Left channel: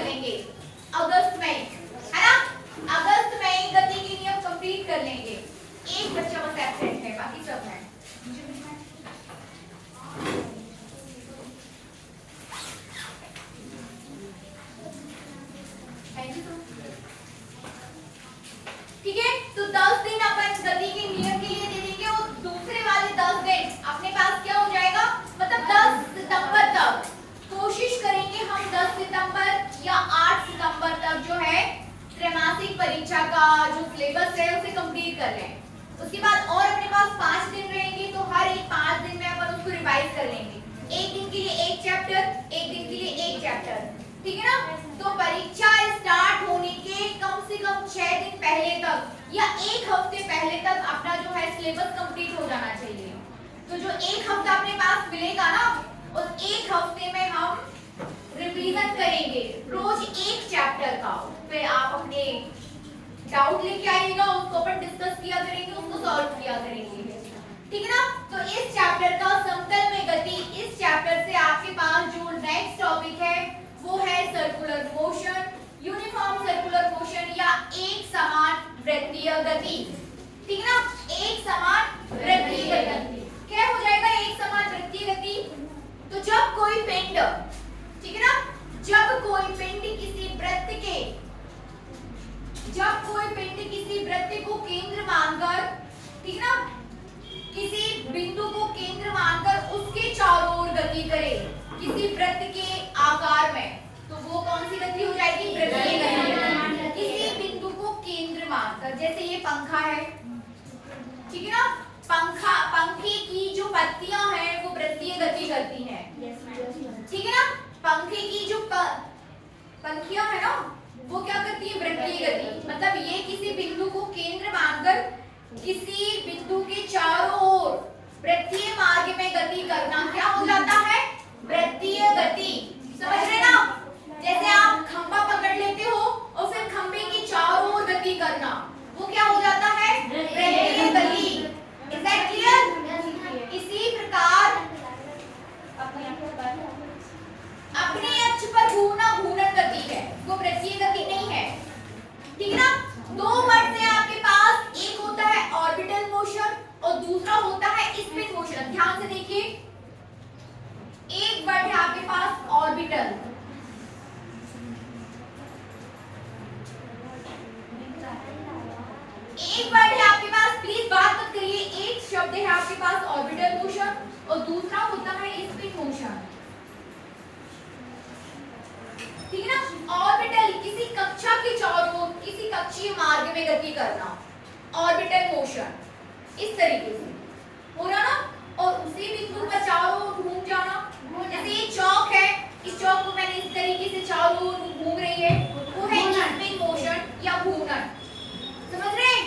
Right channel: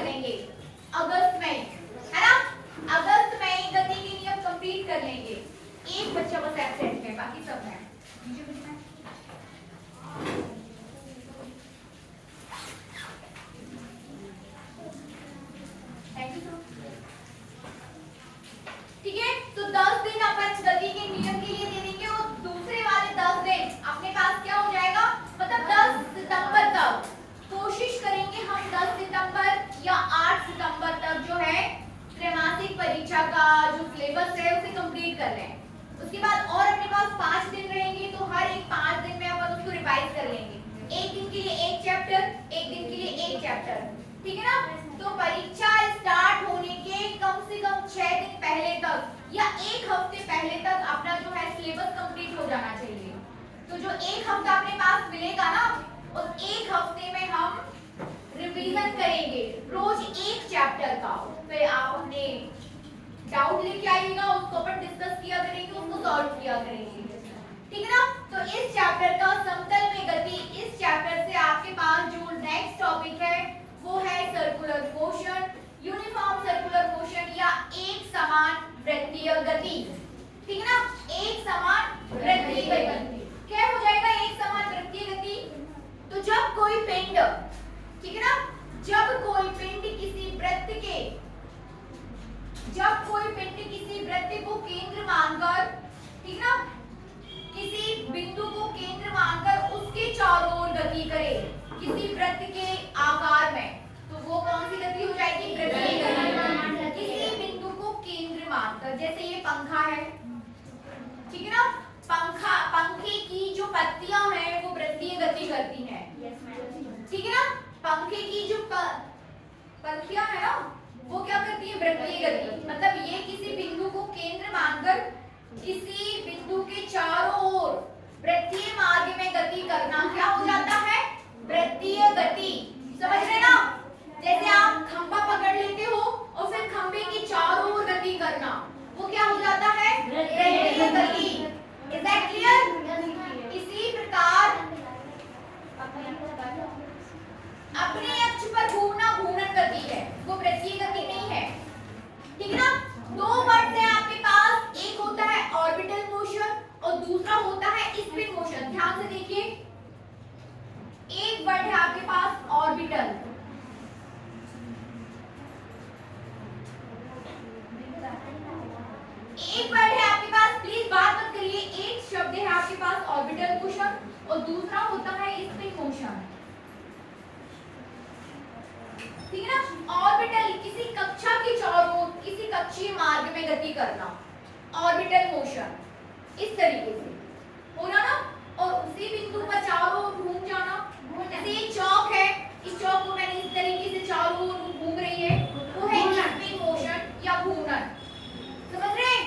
कर लेंगे अगस्त में, है ना? अगस्त में गति के नियम कंप्लीट कर लेंगे। एक बच्चा बस एब्सेंट है, बाकी सब है। ठीक है, तो 10 दिन अपन गति के नियम के लिए दे देंगे और दूसरे वाले 10 दिन अपने पास क्या हो जाएगा, मतलब 10 सितंबर तक कोशिश करेंगे हम 10 सितंबर या 8 सितंबर तक जो है त्रैमासिक परीक्षा का जो सिलेबस है उसे कंप्लीट कर लें। उसके बाद और अपने पास 5 दिन रहेंगे, तो हर एक 5 दिन में अपन उसको रिवाइज कर लेंगे। एक दिन के लिए एक चैप्टर, एक दिन के लिए एक चैप्टर, ठीक है ना? तो परीक्षा स्टार्ट होने के कम से कम 6 दिन पहले तक या एक हफ्ते पहले तक अपना जो है सिलेबस कंप्लीट हो जाना चाहिए। तो जो एक हफ्ता अपने पास मिलेगा ना, उस एक हफ्ते में हम रिवीजन करेंगे रोज एक चैप्टर का। फिर आप अपने डाउट लेके आइएगा, उसको अपन डिस्कस किया करेंगे, उसको सॉल्व किया करेंगे, ठीक है ना? तो इस चैप्टर का समतल में गति, इस चैप्टर से आपके पास जो नेक्स्ट टॉपिक है वो है circular motion, uniform circular motion या एक समान वृत्तीय गति, ठीक है ना? एक समान वृत्तीय गति क्या हो जाएगा? एक समान वृत्तीय गति। तो जब कोई पिंड, ठीक है ना, जब कोई पिंड किसी वृत्त के, जब कोई पिंड किसी वृत्त को केंद्र मानकर, ठीक है ना, किसी बिंदु को केंद्र मानकर उसके चारों ओर गति करे किसी वृत्त के आकार में, तो वो कौन सी गति हो जाएगी? वृत्तीय गति। किसी बिंदु को केंद्र मानकर, जैसे ये पंखा है, ठीक है ना, पंखे की जो पत्तियां हैं वो वृत्तीय गति करती हैं, ठीक है ना? पंखे की जो पंखियां है ना वो क्या करती है? वृत्तीय गति। मतलब ये किसी बिंदु को केंद्र मानकर किसी बिंदु के चारों ओर वृत्तीय मार्ग में गति करना क्या हो जाता है? वृत्तीय गति। समझ रहे ना? जैसे आप खंभा पकड़ लेते हो और फिर खंभे की चारों ओर गति करना, वो क्या हो जाता है? वृत्तीय गति। Is that clear? इसी प्रकार अपने अक्ष पर घूमना घूर्णन गति है, वो वृत्तीय गति नहीं है, ठीक है ना? दो वर्ड से आपके पास, एक होता है ऑर्बिटल मोशन और दूसरा होता है स्पिन मोशन। ध्यान से देखिए, एक वर्ड है आपके पास ऑर्बिटल, एक वर्ड है आपके पास, प्लीज बात मत करिए, एक शब्द है आपके पास ऑर्बिटल मोशन और दूसरा होता है स्पिन मोशन, ठीक है ना? ऑर्बिटल किसी कक्षा के चारों ओर किसी कक्षीय मार्ग में गति करना, ऑर्बिटल मोशन इस तरीके से होना ना, और उसी बिंदु पर चारों ओर घूम जाना। जैसे ये चौक है, इस चौक को मैंने इस तरीके से चारों ओर घूम रही है, वो है स्पिन मोशन या घूर्णन। समझ रहे हैं?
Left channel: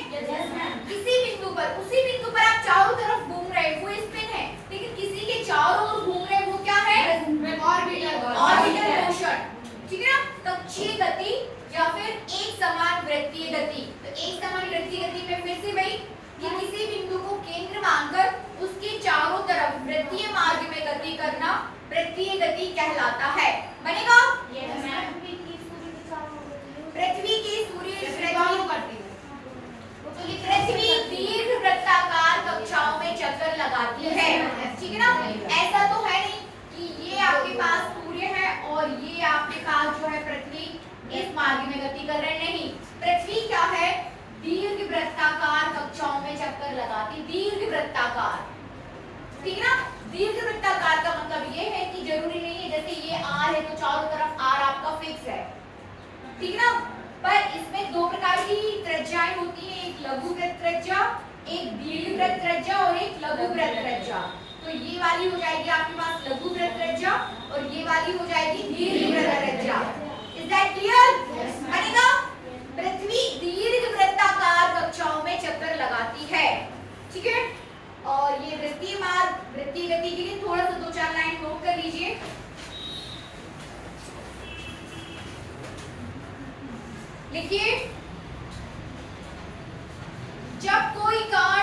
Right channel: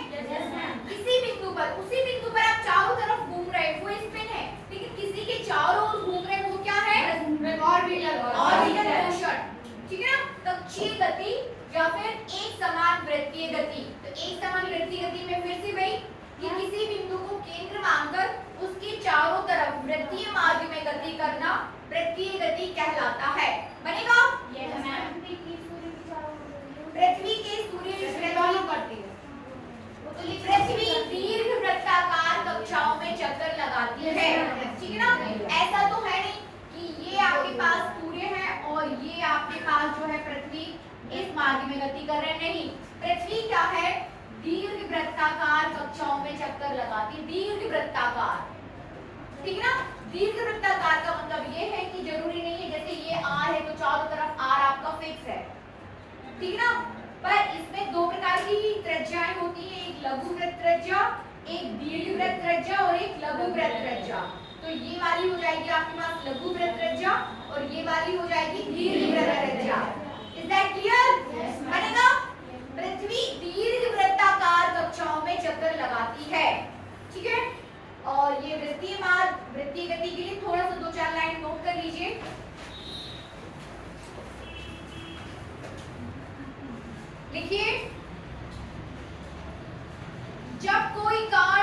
किसी बिंदु पर, उसी बिंदु पर आप चारों तरफ घूम रहे हैं, वो स्पिन है, लेकिन किसी के चारों ओर घूम रहे हैं, वो क्या है? ऑर्बिटल मोशन, ठीक है ना? कक्षीय गति या फिर एक समान वृत्तीय गति। तो एक समान वृत्तीय गति में फिर से वही कि किसी बिंदु को केंद्र मानकर उसके चारों तरफ वृत्तीय मार्ग में गति करना वृत्तीय गति कहलाता है। बनेगा? पृथ्वी के सूर्य पृथ्वी दीर्घ वृत्ताकार कक्षाओं में चक्कर लगाती है, ठीक है ना? ऐसा तो है नहीं कि ये आपके पास सूर्य है और ये आपके पास जो है पृथ्वी इस मार्ग में गति कर रहे, नहीं। पृथ्वी क्या है? दीर्घ वृत्ताकार कक्षाओं में चक्कर लगाती, दीर्घ वृत्ताकार, ठीक है ना? दीर्घ वृत्ताकार का मतलब ये है कि जरूरी नहीं है जैसे ये आर है तो चारों तरफ आर आपका फिक्स है, ठीक है ना? पर इसमें दो प्रकार की त्रिज्याएं होती है, एक लघु वृत्त त्रिज्या, एक दीर्घ वृत्त त्रिज्या और एक लघु वृत्त त्रिज्या। तो ये वाली हो जाएगी आपके पास लघु वृत्त त्रिज्या और ये वाली हो जाएगी दीर्घ वृत्त त्रिज्या। Is that clear? बनेगा? पृथ्वी दीर्घ वृत्ताकार कक्षाओं में चक्कर लगाती है, ठीक है? और ये वृत्तीय मार्ग, वृत्तीय गति के लिए थोड़ा सा 2-4 लाइन नोट कर लीजिए। लिखिए, जब कोई कण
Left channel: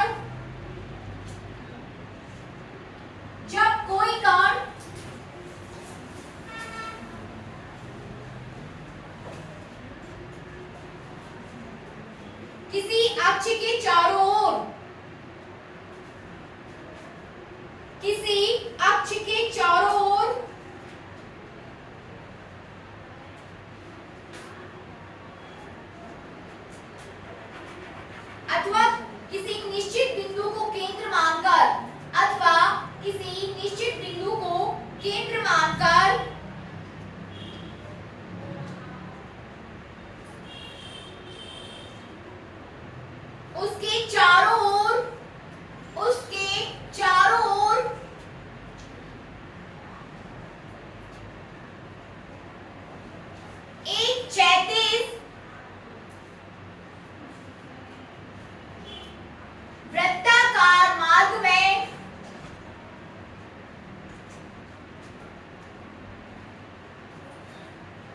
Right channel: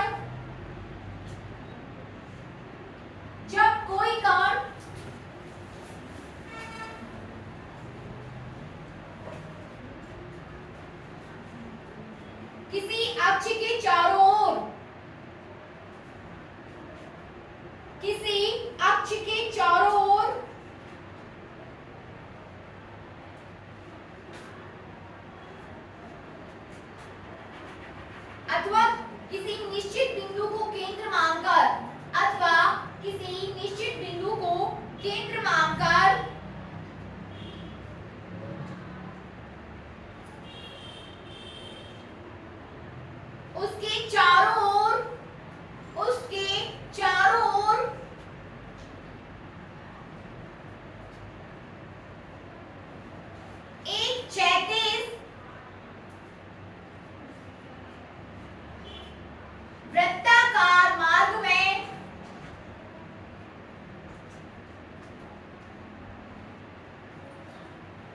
किसी अक्ष के चारों ओर, किसी अक्ष के चारों ओर अथवा किसी निश्चित बिंदु को केंद्र मानकर, अथवा किसी निश्चित बिंदु को केंद्र मानकर उसके चारों ओर, उसके चारों ओर एक क्षैतिज वृत्ताकार मार्ग में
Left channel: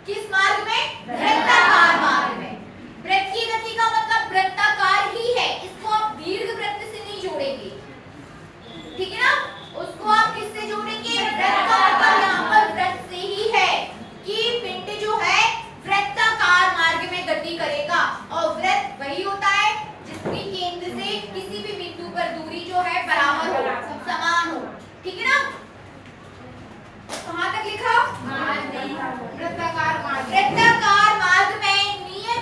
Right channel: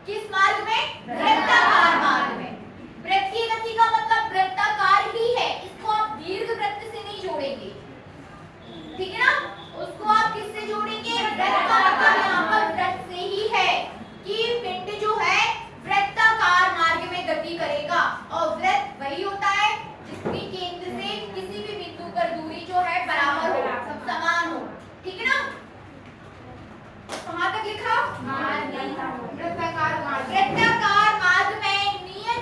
किस मार्ग में? वृत्ताकार मार्ग में। वृत्तीय गति का मतलब वृत्ताकार ही है, इसको आप दीर्घ वृत्त से नहीं जोड़ेंगे, ठीक है ना? उसको आप किससे जोड़ेंगे? वृत्त का मतलब यहाँ पर वृत्त से ही है कि पिंड जो है वृत्ताकार मार्ग में गति करेगा, और वृत्त वही होता है जिसकी केंद्र से किसी भी बिंदु पर दूरी जो है बराबर हो, समान हो, ठीक है ना? कहाँ तक लिखा? वृत्ताकार मार्ग में नियत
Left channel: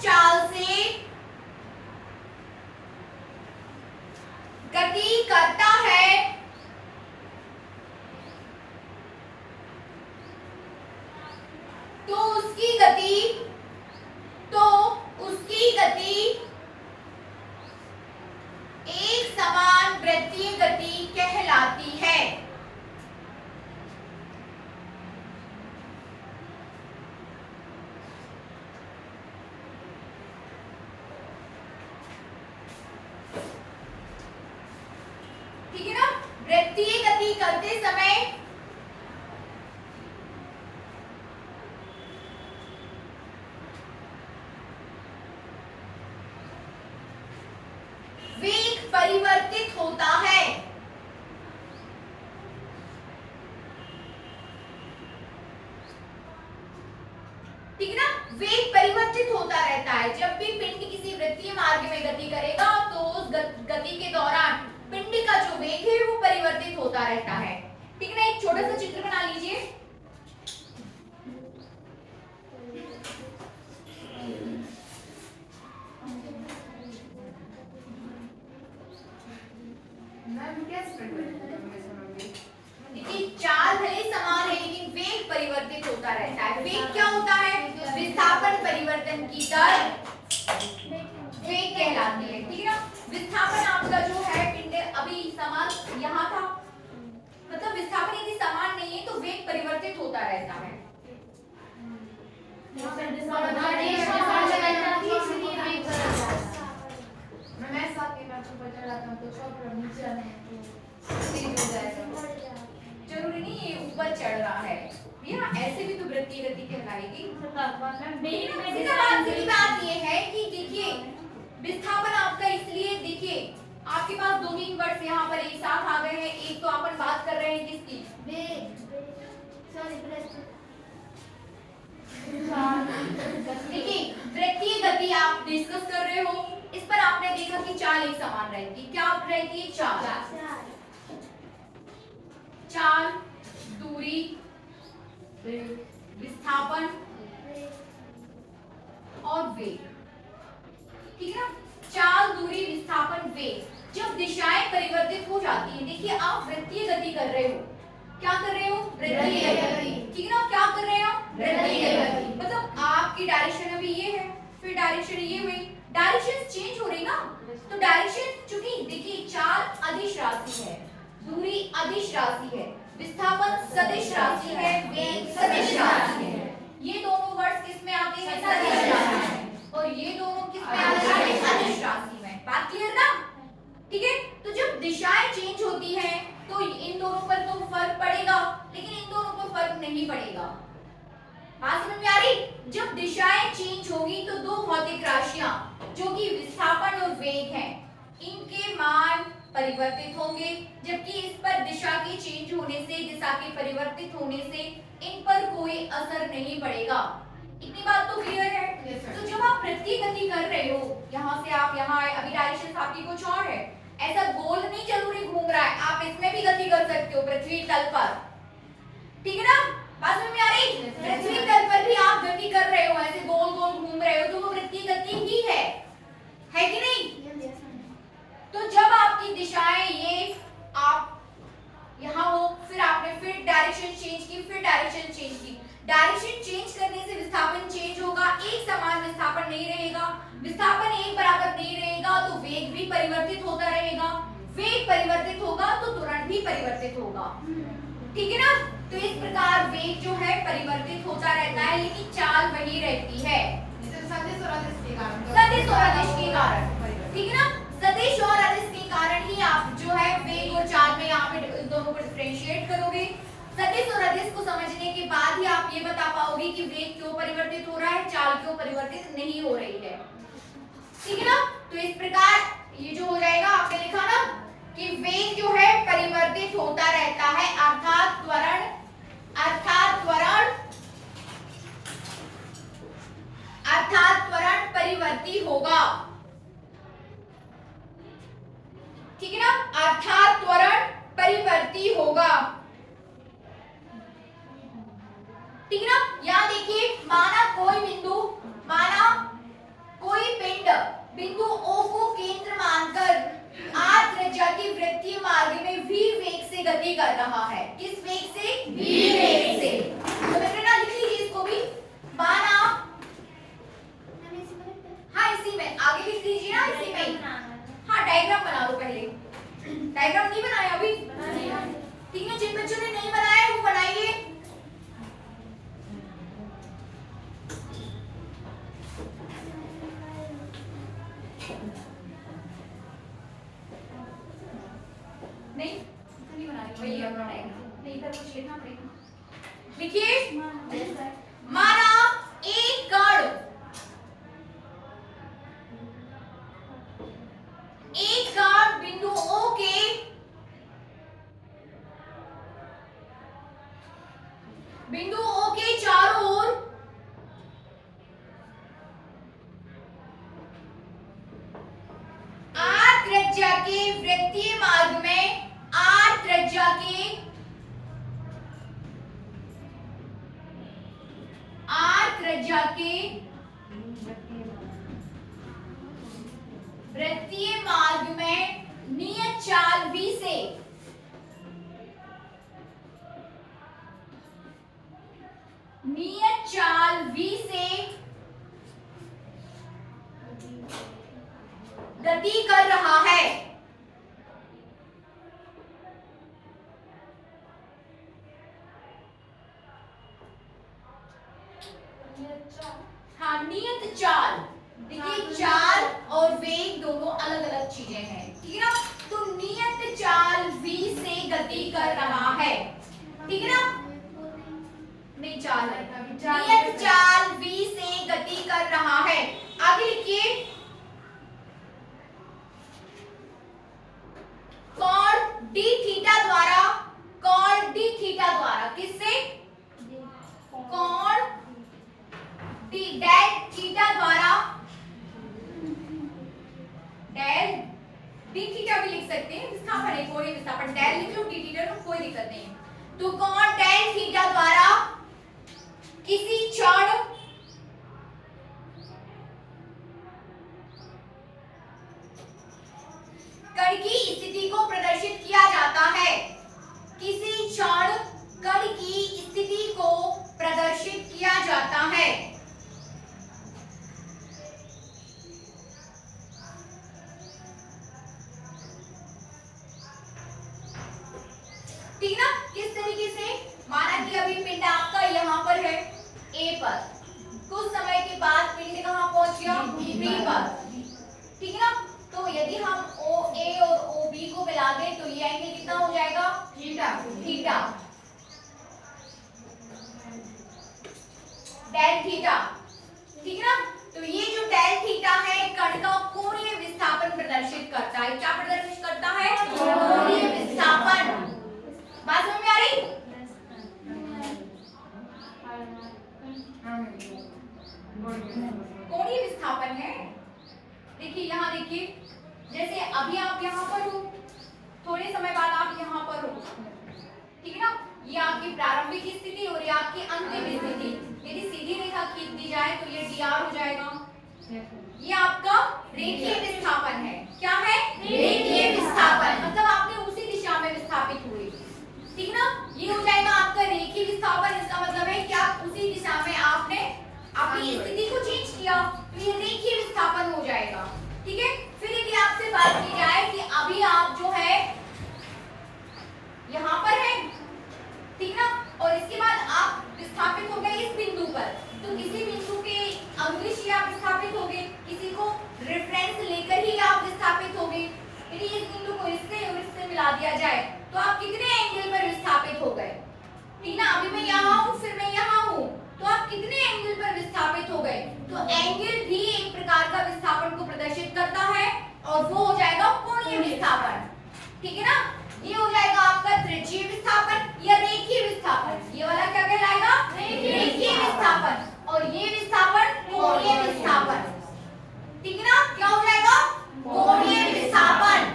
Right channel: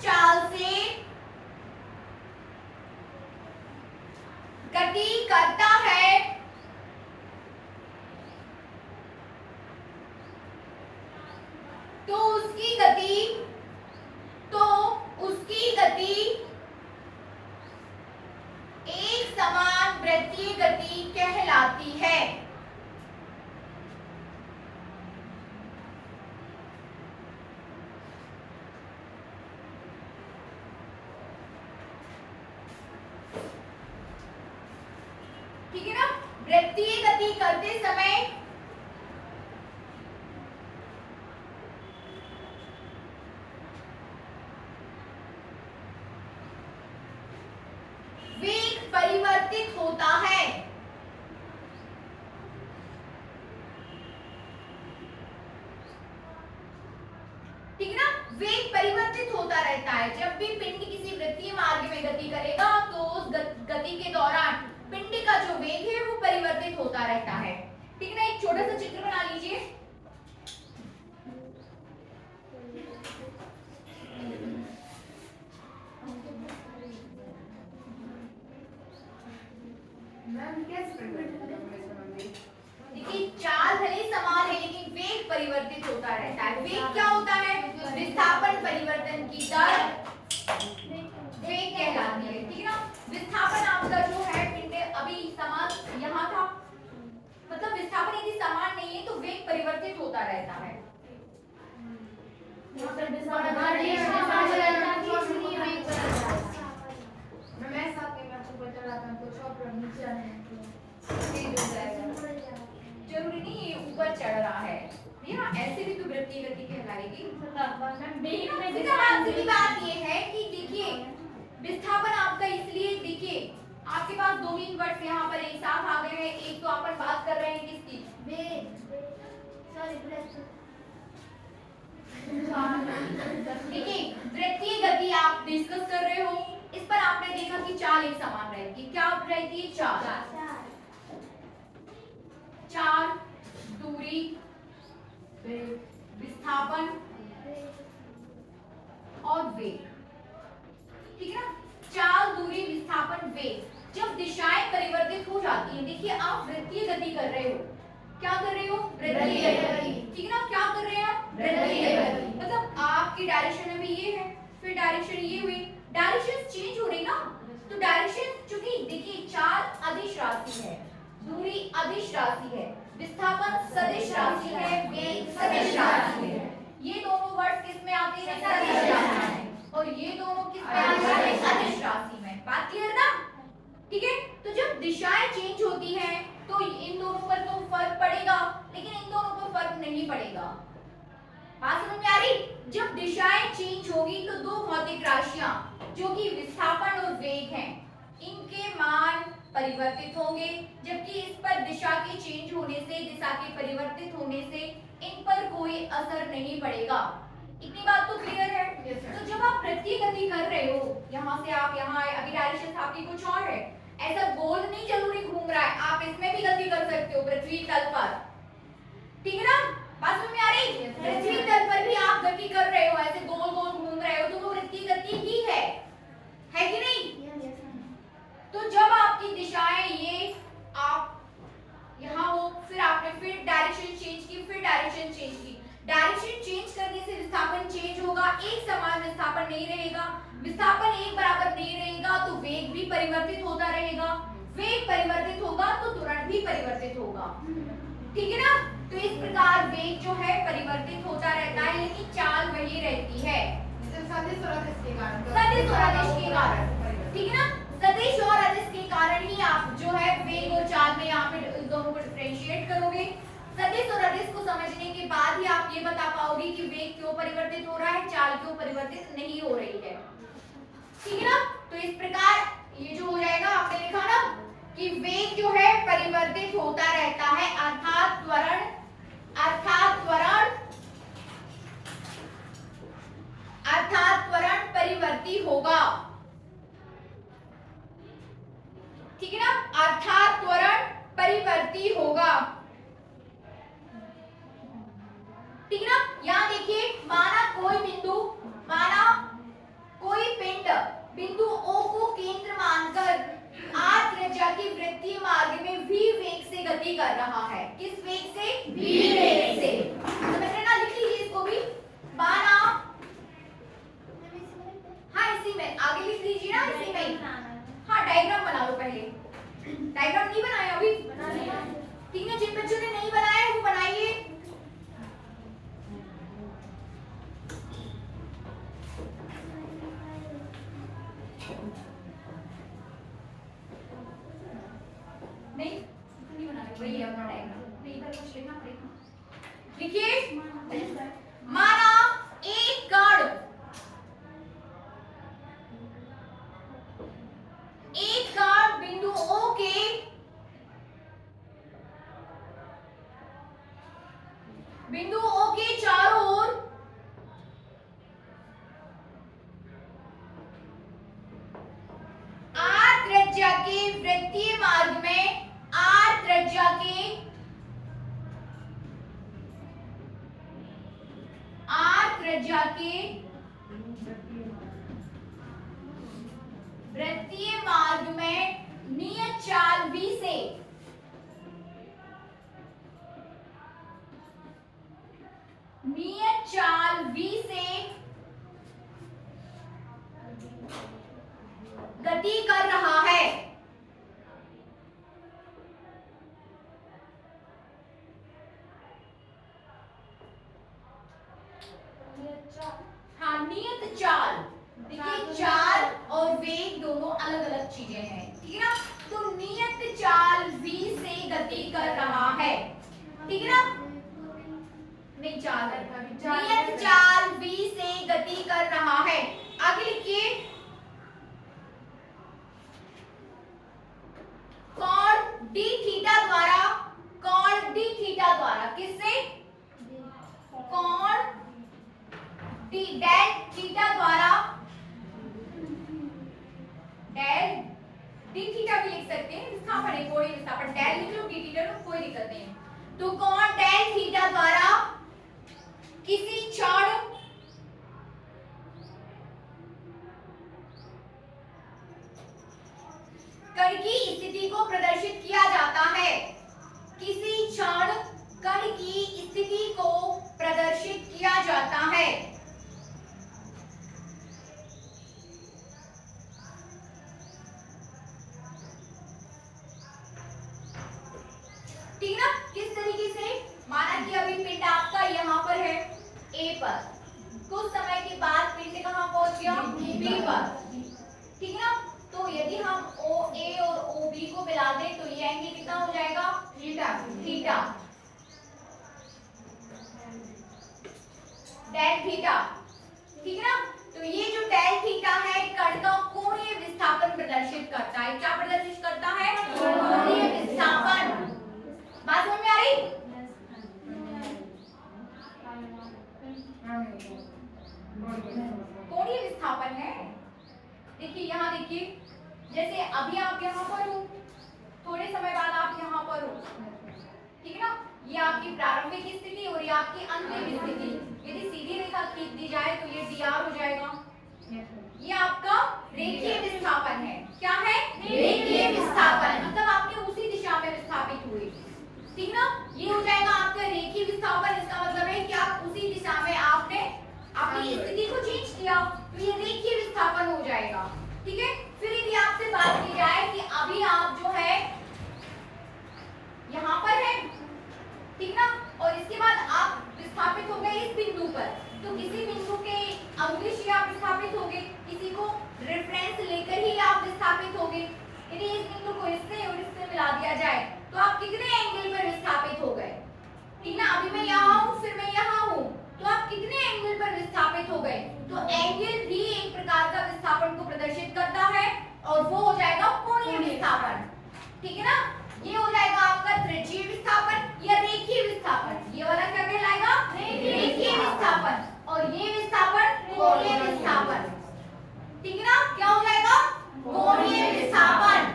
चाल से गति करता है, तो उसकी गति एक समान वृत्तीय गति कहलाती है। ठीक है ना? वृत्तीय गति करते समय वेग परिवर्तित होता है, ठीक है ना? वेग परिवर्तित होता रहता है। जब भी पिंड किसी वृत्तीय मार्ग में गति करेगा तो उस गति के दौरान पिंड का जो वेग है वो परिवर्तित होता रहता है, ठीक है ना? एक छोटा सा चित्र बना लीजिए। देखिए चाल भले समान है लेकिन वेग परिवर्तित होता रहता है। वेग क्या होता है? विस्थापन परिवर्तन की दर वेग कहलाती है, ठीक है ना? विस्थापन आपका जो है पिंड अभी समान यहाँ था, मतलब विस्थापन यदि समान नहीं है तो वेग परिवर्तित होता रहता है। जरूरी नहीं ये ऊपर चढ़ रहा है, भैया ऐसे भी तो वृत्तीय गति कहलाएगी। सीधी बात ये है कि देखिए विस्थापन आपका इसलिए, देखिए आपके पास दो ही वर्ड्स यहाँ पर एक साथ आ गए हैं। एक तो अपन बात कर रहे हैं किसकी? देखिए वृत्तीय गति आप डिस्कस कर रहे हो, इस पर आपने देखा कि चाल एक समान रहेगी। क्या रहेगी? चाल, दूरी, विस्थापन और वेग, ठीक है ना? चाल, दूरी, विस्थापन, वेग। जब दिशाएं परिवर्तित हो जाती हैं, देखिए आप वृत्तीय गति कर रहे हो, क्या कर रहे हो? वृत्तीय गति, ठीक है ना? क्या कर रहे हैं आप? वृत्तीय गति। मतलब आपकी डायरेक्शन अभी ये है, फिर डायरेक्शन ये हुई, डायरेक्शन चेंज हो रही ना, तो डायरेक्शन चूंकि देखिए चाल अदिश राशि है, दूरी अदिश राशि है, विस्थापन सदिश राशि है, वेग सदिश राशि है। ये दोनों वर्ड्स किस में आते हैं? सदिश राशि में। और ये दोनों किस में आते हैं? अदिश राशि में। बात क्लियर ना? ठीक है? तो जब दिशाएं चेंज होती हैं तो इन दोनों पर तो फर्क पड़ेगा, लेकिन इन दोनों पर फर्क नहीं पड़ेगा। बात समझ में आ रही? जब दिशाएं चेंज होगी तो दो भौतिक राशियां जो कि विस्थापन और वेग हैं, इनके मान परिवर्तित होंगे, जबकि इस पर दिशा के चेंज होने से, दिशा के परिवर्तित होने से इन पर कोई असर नहीं पड़ेगा। इतनी बात तो क्लियर है। तो जब आप वृत्तीय गति कर रहे हो, यहाँ से आप यहाँ आए, अभी डायरेक्शन आपकी कुछ और है, ऐसा गोल नहीं जरूरी घूम रहा है, आप इसमें भी गति कर सकते हो पृथ्वी तल पर, ठीक है ना? बात समझ में आ रही? पृथ्वी तल पर भी आप गति कर रहे हो, ऐसे गोल गोल घूम रहे हो, तो वो वृत्तीय गति ही है कि नहीं? तो जब आपकी दिशाएं ये आप यहाँ हो, फिर आपने फिर डायरेक्शन चेंज की, फिर डायरेक्शन चेंज की, डायरेक्शन चेंज करने से विस्थापन चेंज होगा, एक समान विस्थापन नहीं रहेगा, विस्थापन एक बराबर नहीं रहेगा, तो वेग भी परिवर्तित होता रहेगा, वेग परिवर्तित होगा तो त्वरण भी परिवर्तित होगा, ठीक है ना? तो इस प्रकार वेग जो है परिवर्तित होता रहता है, लेकिन चाल वही रहती है, सदिश और अदिश के कारण, सदिश और अदिश के कारण, ठीक है ना? सदिश और अदिश के कारण ही आप जो है वेग और चाल में यहाँ पे दोनों को डिफरेंशिएट करोगे। सदिश और अदिश को समझने के बाद ही आप ये बता पाओगे कि वेग क्यों परिवर्तित हो रहा है, चाल क्यों परिवर्तित नहीं हो रही है, ठीक है ना? तो इस प्रकार ये जो हो जाएगा, आपने लिखा ना कि वेग जो है परिवर्तित होता रहता है, अर्थात त्वरण परिवर्ती होगा, ठीक है ना? अर्थात त्वरण परिवर्ती होगा, ठीक है ना? यहां देखिए, माना कोई पिंड बिंदु O को केंद्र मानकर r त्रिज्या की वृत्तीय मार्ग में v वेग से गति कर रहा है। किस वेग से? v वेग से। तो बेटा ना लिख लीजिए इसको भी, माना, हाँ इसी में आगे लिख लीजिए ना, इसी में, हाँ डायग्राम बना लो पहले, डायग्राम नहीं बनाया अभी, ठीक है? जिन बच्चों ने नहीं बनाया वो बनाइए। नहीं बना रही, वही अपना डायग्राम, नहीं इधर कुछ लिखना पड़ेगा। लिखिए, माना एक कण बिंदु O के चारों ओर r त्रिज्या के वृत्तीय मार्ग में, r त्रिज्या के वृत्तीय मार्ग में नियत चाल v से गति कर रहा है, हाँ नियत चाल। देखिए चाल और वेग दोनों अलग अलग चीजें हैं, ठीक है ना? तो नियत चाल v से गति कर रहा है, ठीक है ना? नहीं चाल है, नियत चाल v से गति कर रहा है। आगे लिखिए, कोण d थीटा द्वारा किससे? कोण d डेल थीटा द्वारा, डेल d थीटा भी लिख सकते हैं, विस्थापन है, कोई विस्थापन डेल लिख लो, d थीटा में कोई दिक्कत नहीं। तो कोण डेल थीटा द्वारा किसी क्षण कण की स्थिति को प्रदर्शित किया जाता है, किसी क्षण कण की स्थिति को प्रदर्शित किया जाता है, ठीक ना? किस तरीके से? माना कि अभी पिंड आपका यहाँ पर है A पर, कुछ समय के बाद पिंड कहाँ पहुंच गया? B पर, ठीक है ना? तो यदि हम OA और OB को मिला दें तो ये एंगल कितना हो जाएगा? थीटा, डेल थीटा, ठीक है ना? तो ये जो डेल थीटा है कण का कोणीय विस्थापन प्रदर्शित करता है। क्या प्रदर्शित करता है? कोणीय विस्थापन। बात समझ में आ रही? देखिए, जैसे अभी आप यहाँ पर हो, थोड़े समय बाद आप यहाँ पर हो, ठीक है ना। ये आपकी प्रारंभिक स्थिति और ये आपकी अंतिम स्थिति। यदि सीधी रेखा खींच दी जाए तो ये dr हो जाएगा। ये आपका रेखीय विस्थापन है। क्या है? रेखीय विस्थापन। मतलब आपने उसी दिशा में विस्थापित हुए, ठीक ना। ये हो जाएगा आपका रेखीय विस्थापन। इसका मतलब है कि आप उसी दिशा में आपने अपनी स्थिति को चेंज किया, तो ये रेखीय विस्थापन हो जाएगा, ठीक है। फिर यदि आपसे बात की जाए कि अभी आप जो है यहाँ पर है, ठीक ना, और इसके बाद आप विस्थापित हो गए इस बिंदु पर, तो किसी बिंदु के अंग्रिश ही आप विस्थापित हो गए, किसी को रेफरेंस लेकर ही आप विस्थापित हो गए। यदि इस बिंदु को इससे और इससे मिला दिया जाए तो आप कितने एंगल पर विस्थापित हो गए, ठीक ना। अभी मैं यहाँ हूँ, फिर मैं यहाँ हूँ, तो आप कितने एंगल पर विस्थापित हो गए। तो एंगल भी एक प्रकार का विस्थापन को प्रदर्शित करता है और वो हो जाएगा कोणीय विस्थापन, ठीक है ना। ये हो जाएगा आपका त्रिज्यीय विस्थापन या रेखीय विस्थापन। ये वाला क्या कहलाएगा? रेखीय विस्थापन। और ये विस्थापन कोणीय विस्थापन, ठीक है ना। क्या हो जाएगा? कोणीय विस्थापन,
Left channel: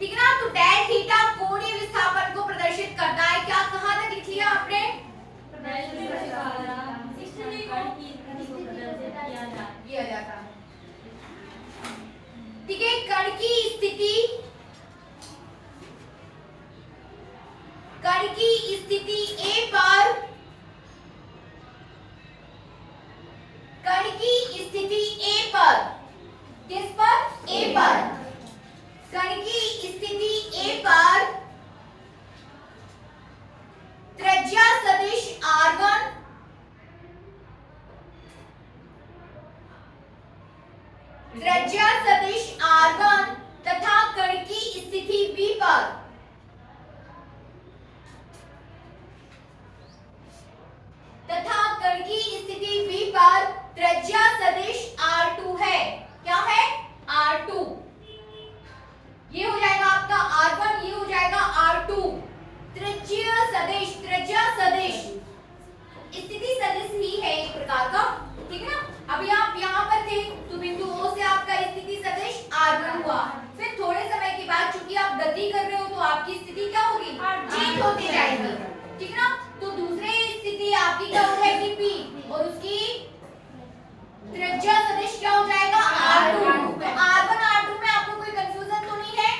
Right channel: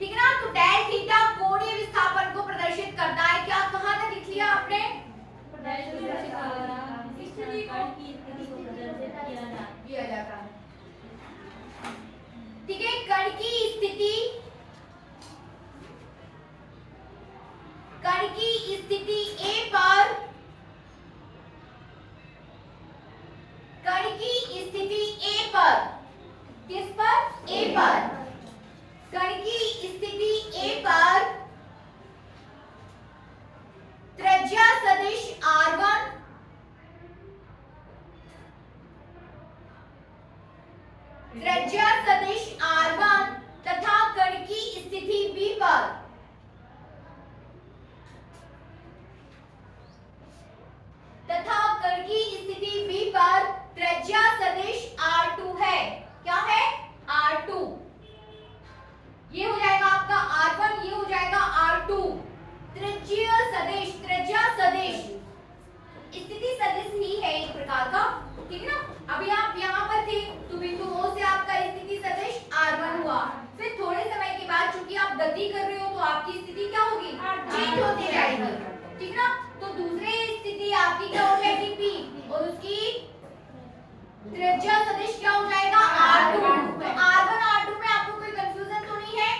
ठीक है ना। तो tan थीटा कोणीय विस्थापन को प्रदर्शित करता है। क्या कहाँ तक लिख लिया आपने? किया जाता है, ठीक है। कण की स्थिति, कण की स्थिति A पर, कण की स्थिति A पर, किस पर? A पर। कण की स्थिति A पर त्रिज्या सदिश R1 त्रिज्या सदिश R1 तथा कण की स्थिति B पर त्रिज्या सदिश R2 है। क्या है? R2। ये हो जाएगा आपका R1, ये हो जाएगा R2। त्रिज्या सदिश, त्रिज्या सदिश स्थिति सदिश ही है एक प्रकार का, ठीक है ना। अभी आप यहाँ पर थे तो बिंदु O से आपका स्थिति सदिश R1 हुआ। फिर थोड़े समय के बाद चूंकि आप गति कर रहे हो तो आपकी स्थिति क्या होगी? चेंज होती जाएगी, ठीक है ना। तो दूसरे स्थिति आपकी क्या हो जाएगी? P, और उसकी त्रिज्या सदिश क्या हो जाएगा? R2। तो R1 R2 में आपको कोई कंफ्यूजन तो नहीं है?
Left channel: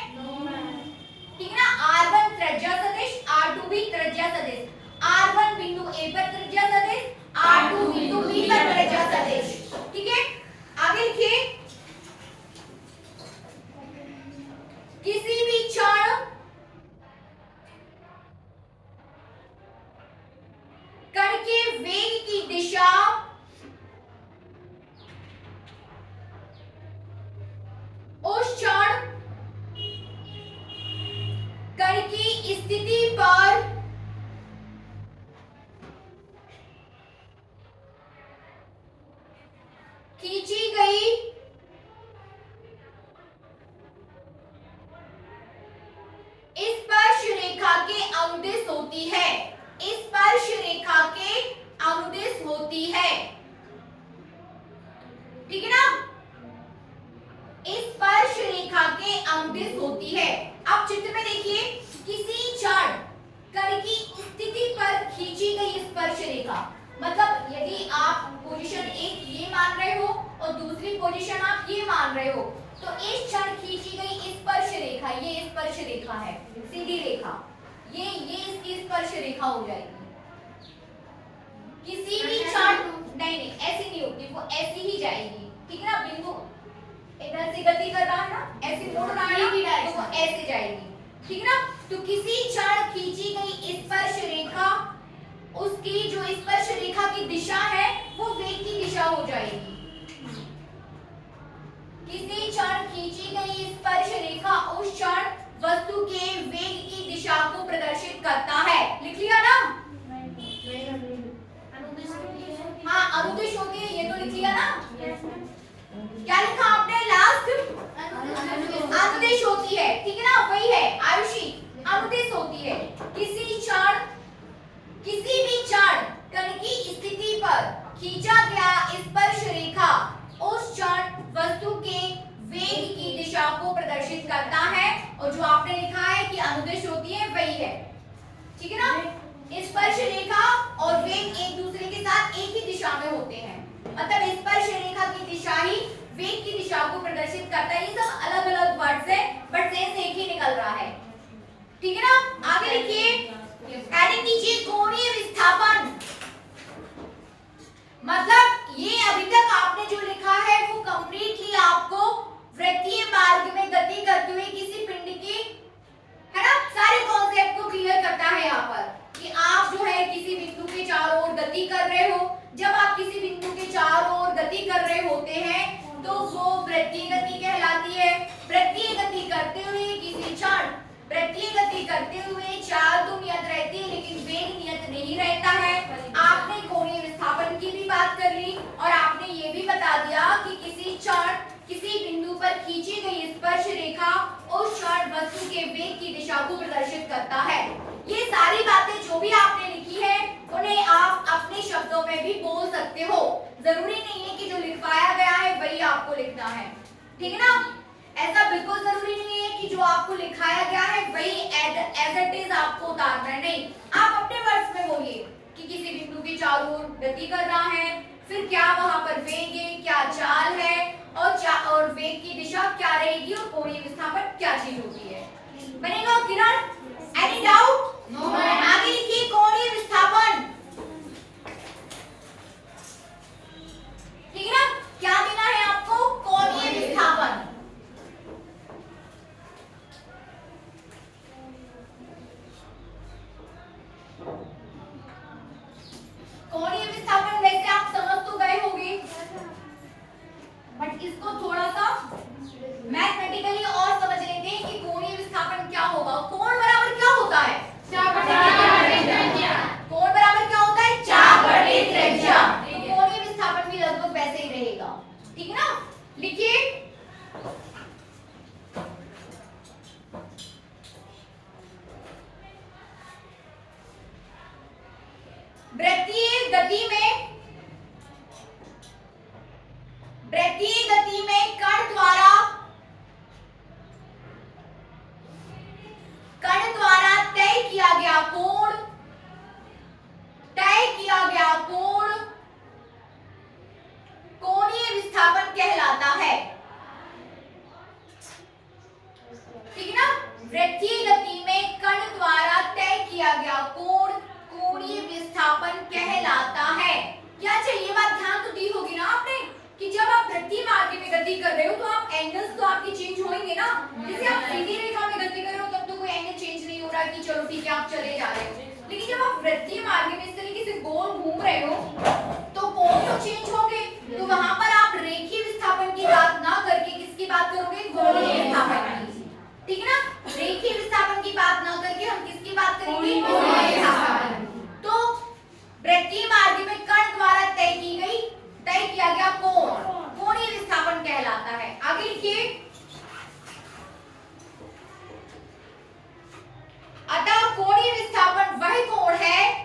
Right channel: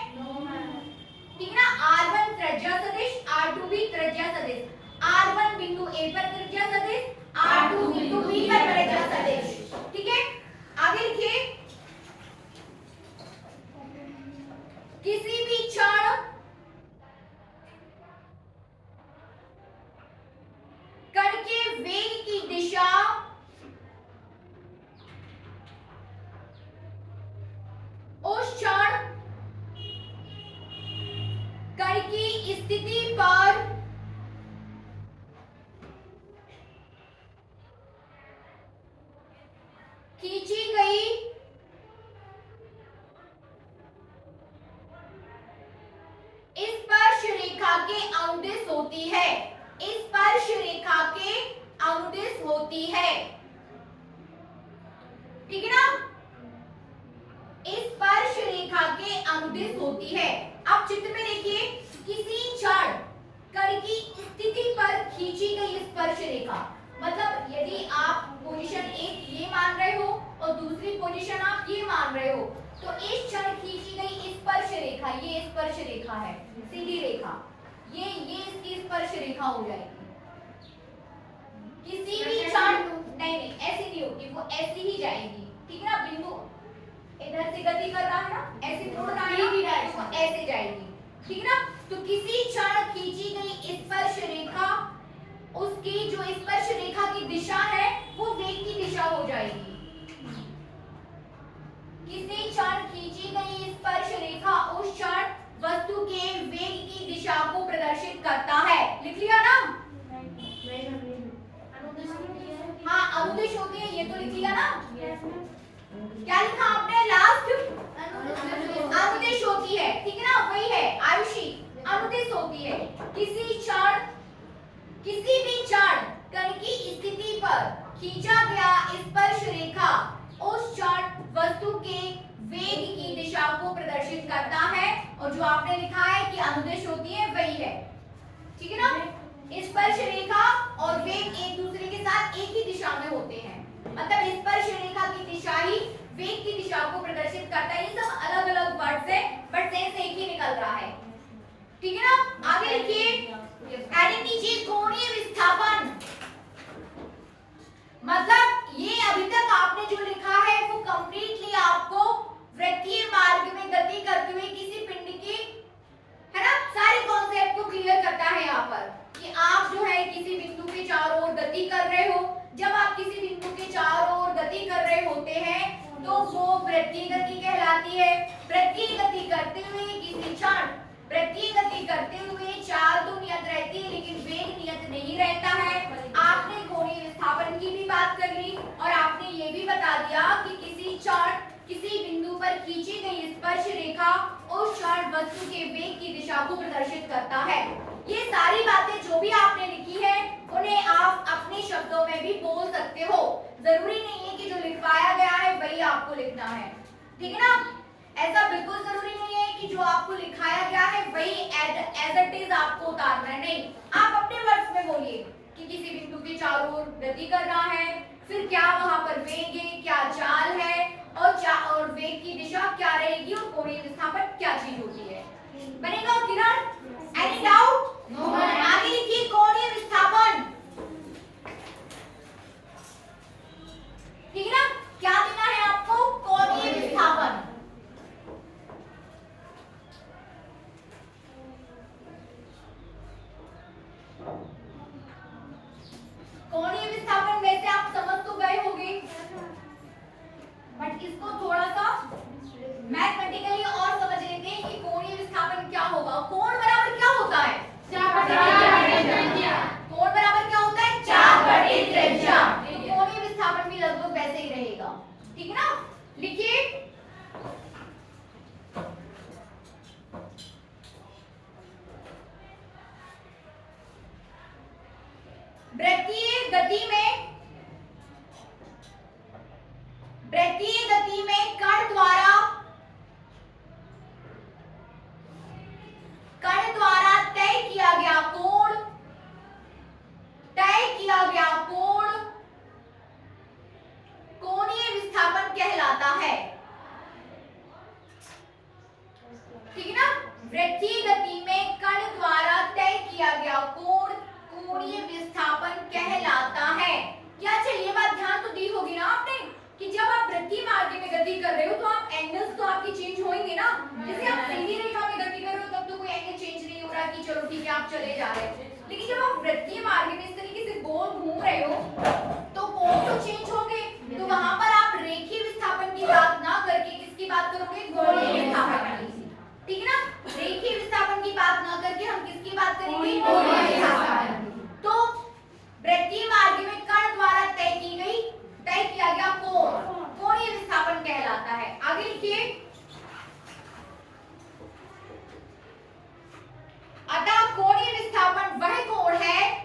ठीक है ना। R1 त्रिज्या सदिश, R2 भी त्रिज्या सदिश। R1 बिंदु A पर त्रिज्या सदिश, R2 बिंदु B पर त्रिज्या सदिश, ठीक है। आगे लिखिए, किसी भी क्षण कण के वेग की दिशा उस क्षण कण की स्थिति पर खींची गई स्पर्श रेखा के अनुदिश होती है। स्पर्श रेखा के अनुदिश होती है, ठीक है ना। स्पर्श रेखा के अनुदिश होती है। अब चित्र में देखिए, किसी क्षण कण की स्थिति पर खींची गई स्पर्श रेखा, मतलब यदि आप पोजीशन एक ये मान रहे हो और दूसरी पोजीशन आप ये मान रहे हो, तो इस क्षण खींची गई स्पर्श रेखा, ये स्पर्श रेखा है, सीधी रेखा, ये इसकी स्पर्श रेखा हो जाएगी। किसी भी क्षण नहीं ऐसी नहीं होगी, वो ऐसी ही जाएगी, ठीक है ना। बिंदु इधर से गति कर रहा है ना, ऐसे मुड़ रहा है ना, तो वो ऐसे जाएगी, ठीक है ना। तो किसी क्षण खींची गई स्पर्श रेखा, उसकी जो स्पर्श रेखा की दिशा है वो वेग की दिशा हो जाएगी। किसी क्षण खींची गई स्पर्श रेखा उस क्षण वस्तु के वेग की दिशा को प्रदर्शित करता है। लिख लिया ना? हाँ, अनुदिश होगी, ये तो लिख लिया ना। क्या लिखा आपने लास्ट? अनुदिश होती है, ठीक है ना, वही है आयुषी, अनुदिश होती है। किसी क्षण, किसी भी क्षण कण की स्थिति पर खींचा गया स्पर्श रेखा उस आपने लिखा है कि अनुदिश होती है वही है, ठीक है ना। स्पर्श रेखा और वेग एक दूसरे के साथ एक ही दिशा में होते हैं, मतलब स्पर्श रेखा की दिशा ही वेग की दिशा को प्रदर्शित करता है। ये सब अलग अलग वर्ड्स हैं बट सेंस एक ही निकल रहा है, ठीक है ना। आगे लिखिए, हेडिंग कीजिए कोणीय विस्थापन। मतलब ये अभी तक आपने जो लिखा है वो कंप्लीटली आपको वृत्तीय मार्ग में गति करते हुए किसी पिंड की, है ना, सारे कॉन्सेप्ट को क्लियर करता है यहाँ पर कि आप जो है किसी बिंदु के चारों ओर गति कर रहे हो। जब आप किसी बिंदु के चारों ओर गति कर रहे होते हैं तो वो वृत्तीय गति कहलाती है। वृत्तीय गति करते हुए किसी क्षण, वृत्तीय गति करते हुए चाल तो नियत रहती है लेकिन वेग नियत नहीं रहता है। आपने कोणीय विस्थापन की भी बात कर ली और आपने ये भी बता दिया कि किसी क्षण किसी बिंदु पर खींची गई स्पर्श रेखा उस क्षण वस्तु के वेग की दिशा को प्रदर्शित करता है। ये सारी बातें जो भी आपने लिखी है उन्हें आप अपने शब्दों में भी बोल सकते हो, जरूरी नहीं है कि जो लिखवाया गया है वही आपको लिखना है, ठीक है ना। ऐसा बिल्कुल जरूरी नहीं है कि जो आपको लिखाया गया है वही एज इट इज आपको उतारना है, नहीं। आप अपने वर्ड्स में बोलिए कि किसी बिंदु के चारों ओर गति कर रहा है, फिर क्या वहां पर वेग है, क्या चाल है और वेग की दिशा क्या रहेगी और कोणीय विस्थापन क्या चीज होती है। बनेगा किरण? Any doubt? आगे लिखिए कोणीय विस्थापन, ठीक है ना। क्या देना है आपको? कोणीय विस्थापन। कोणीय विस्थापन वैसे आप समझ तो गए होंगे बट इसको थोड़ा सा मैथमेटिकली और समझ लेते हैं कि कोणीय विस्थापन क्या होगा। कोण बराबर क्या होता है? कोण बराबर क्या होता है? चाप बटे त्रिज्या। तो कोणीय विस्थापन भी लगभग वैसे ही रहेगा, ठीक है ना। लिखिए, वृत्तीय गति में कण द्वारा तय किया गया कोण कोणीय विस्थापन कहलाता है, ठीक है ना। वृत्तीय गति में कण द्वारा तय किया गया कोण कोणीय विस्थापन कहलाता है। क्या चाहिए बात ध्यान तो दी होगी ना आपने कि जब आप वृत्तीय मार्ग में गति कर रहे हो तो आप एंगल्स तो आपके चेंज होंगे ना। जैसे आप सीधी रेखा में गति कर रहे हो तब तो कोई एंगल चेंज नहीं हो रहा कि चलो ठीक है आप चले जा रहे हो, लेकिन जब आप वृत्तीय मार्ग में इस तरीके से गोल घूम रहे हो तो कोण तो चेंज होंगे। तो वहां पर आप रेखीय विस्थापन की बात ना करके किसकी बात करोगे? कोणीय विस्थापन की, ठीक है ना। रेखीय विस्थापन की बात ना करके हम किसकी बात करेंगे? कोणीय विस्थापन। तो वृत्तीय मार्ग में कण द्वारा तय किया गया कोण कोणीय विस्थापन कहलाता है। आगे लिखिए, अतः कोणीय विस्थापन वह कोण है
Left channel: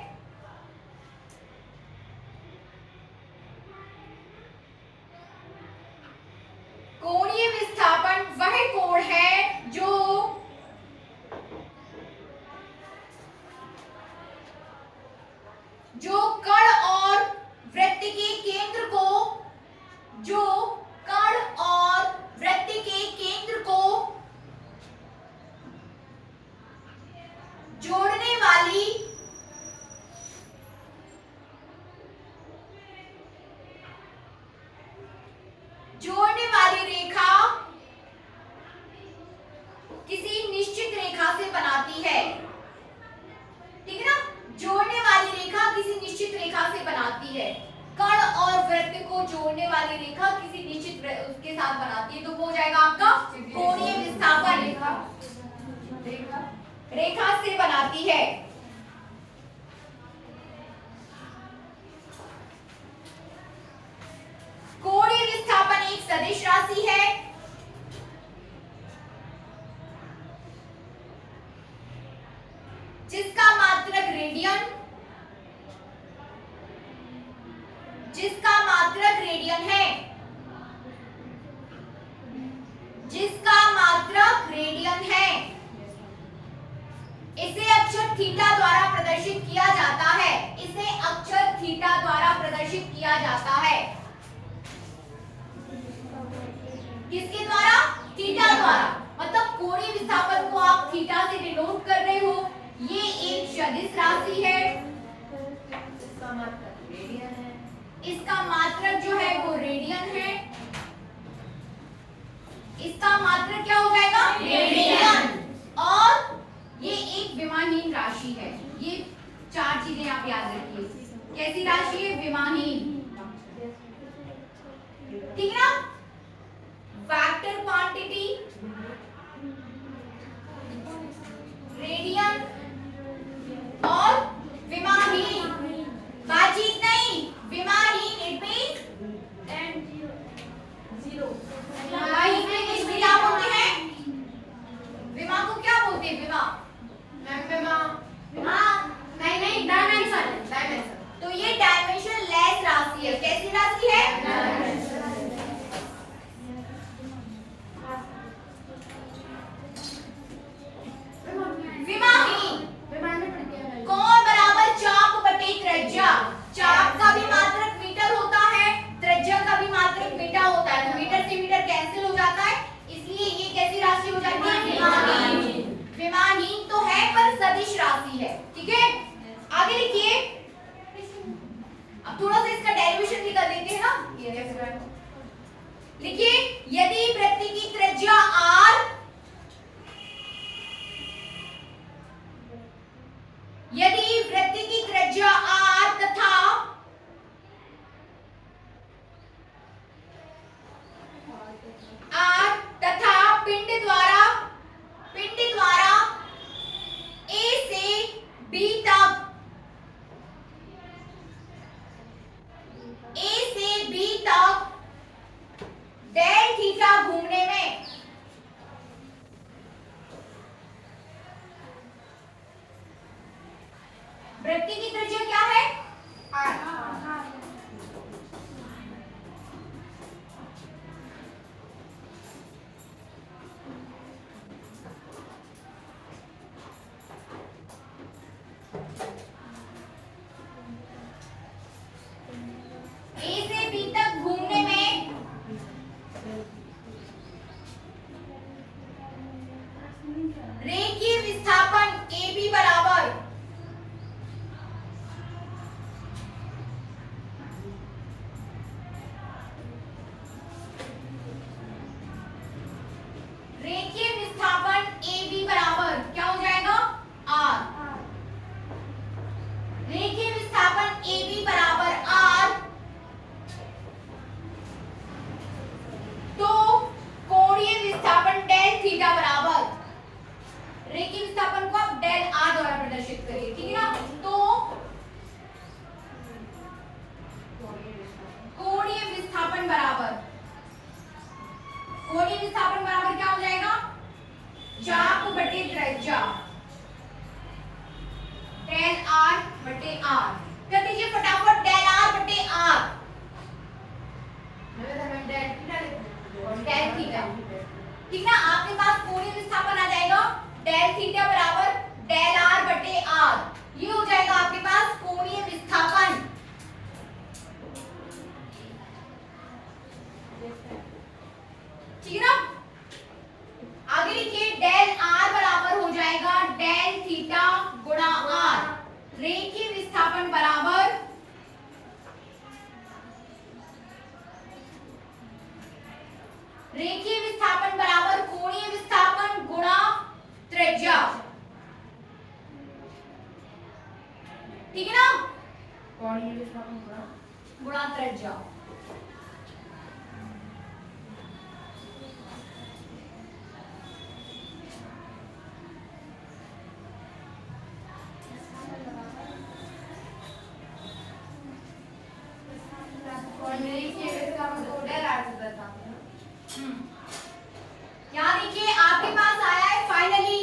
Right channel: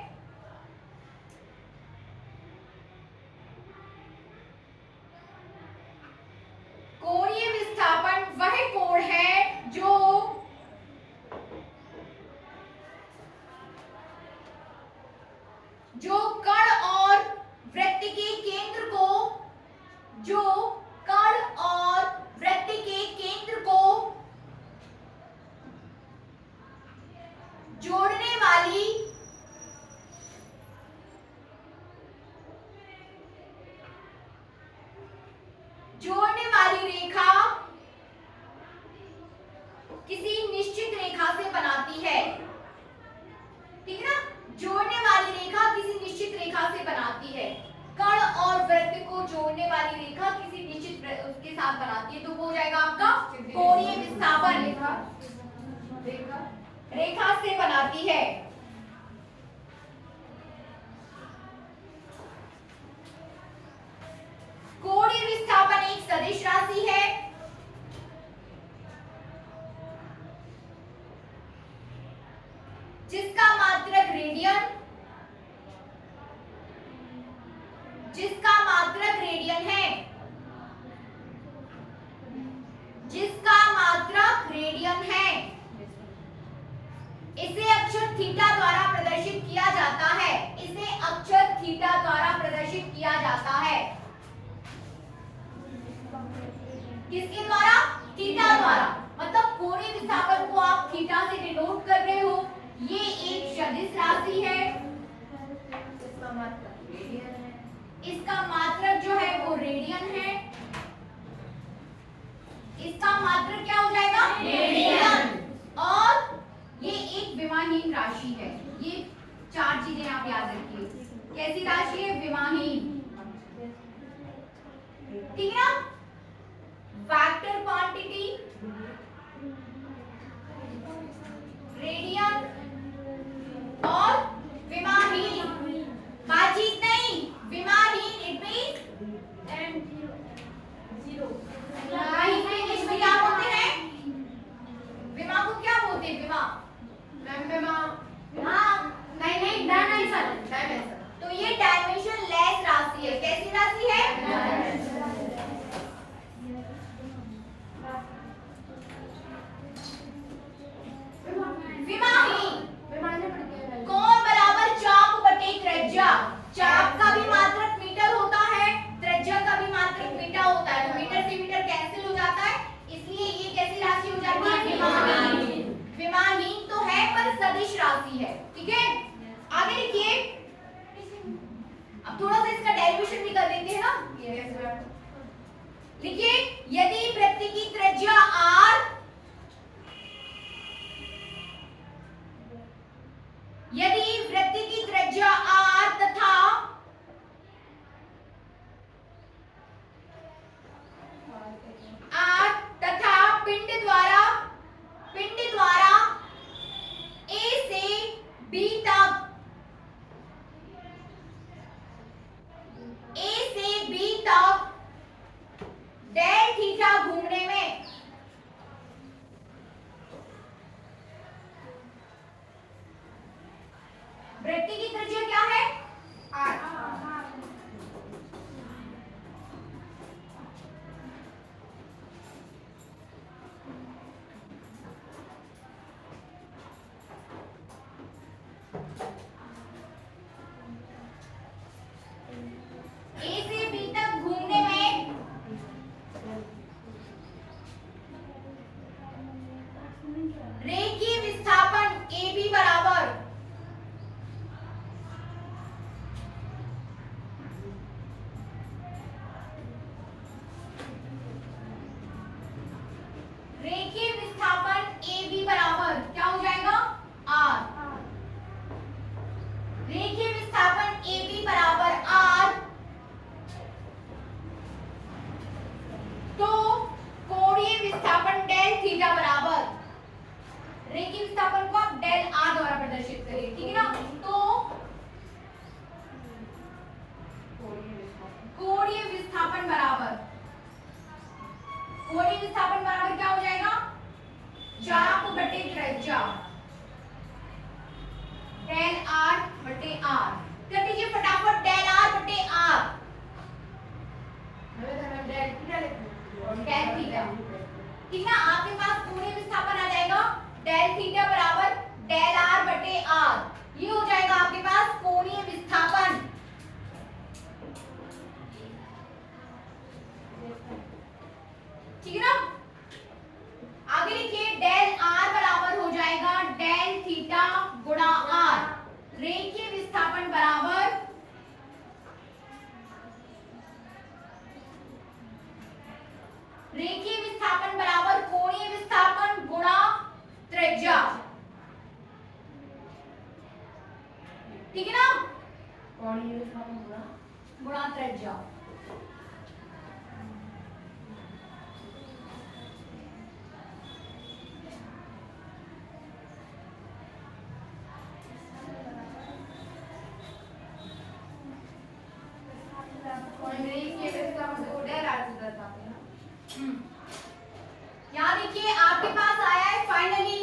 जो कण और वृत्त के केंद्र को जोड़ने वाली रेखा किसी निश्चित रेखा से बनाती है, ठीक है ना। जोड़ने वाली रेखा किसी निश्चित रेखा से बनाती है, कण और वृत्त को जोड़ने वाली रेखा किसी निश्चित उसके साथ बनाती है, तो वो हो जाएगा आपका कोणीय विस्थापन। रेखा से बनाती है। कोणीय विस्थापन एक सदिश राशि है जिसका मात्रक रेडियन है, जिसका मात्रक रेडियन है। किया जाता है। किसके द्वारा? थीटा द्वारा। मतलब कोणीय विस्थापन को आप थीटा से डिनोट कर रहे हो। ये एक सदिश राशि है। इसका मात्रक रेडियन है। इसका मात्रक जो है वो रेडियन है। इसका मात्रक क्या हो जाएगा? रेडियन। और ये एक विमाहीन राशि है। ये चार चीजें आप याद रखिए। कैसी राशि है? विमाहीन। ठीक है ना? वेक्टर क्वांटिटी, रेडियन और विमाहीन। बातचीत नहीं, विमाहीन। It means and zero. English में क्या बोलते हैं? विमा को क्या बोलते हैं? विमा। मैम विमा। हाँ, नहीं डायमेंशन। डायमेंशन। तो ये डायमेंशन लेस राशि है। कैसी राशि है? विमाहीन। कोण बराबर चाप बटे त्रिज्या। चाप का भी मात्रक मीटर होता है, त्रिज्या का भी मात्रक मीटर होता है। तो मीटर से मीटर कैंसिल हो जाता है, इसलिए ये कैसी राशि हो जाती है? विमाहीन। विमाहीन तो है पर सदिश राशि है। ठीक है, आगे लिखिए। अब थोड़ा सा इसका डेरिवेशन भी कर लेते हैं ना। ये कैसे लिखिए? यदि वृत्त की त्रिज्या r, यदि वृत्त की त्रिज्या r तथा पिंड द्वारा a से b तक, a से b तक डेल थीटा घूमने में वृत्त की त्रिज्या क्या है? A से B तक घूमने में रेखीय विस्थापन AB बराबर क्या हो जाएगा? R। रेखीय विस्थापन AB बराबर R, तो कोणीय विस्थापन डेल थीटा बराबर, रेखीय विस्थापन को आप डेल R द्वारा प्रदर्शित करिए। ठीक है ना? तो कोणीय विस्थापन बराबर क्या हो जाएगा? चाप बटे त्रिज्या डेल R बटे R। कर दीजिए फटाफट डेल R बटे R। Del theta. ठीक ना? आपके पास कोणीय विस्थापन आ जाएगा डेल थीटा बराबर डेल R बटे R। ये हो जाएगा आपके पास कोणीय विस्थापन। ठीक है ना? आगे लिखिए डेल R बराबर हो जाएगा डेल थीटा गुणा R। रेखीय विस्थापन बराबर कोणीय विस्थापन गुणा त्रिज्या। ठीक है ना? कोणीय विस्थापन गुणा त्रिज्या। यहाँ देखिए आपके पास आया है फाइनली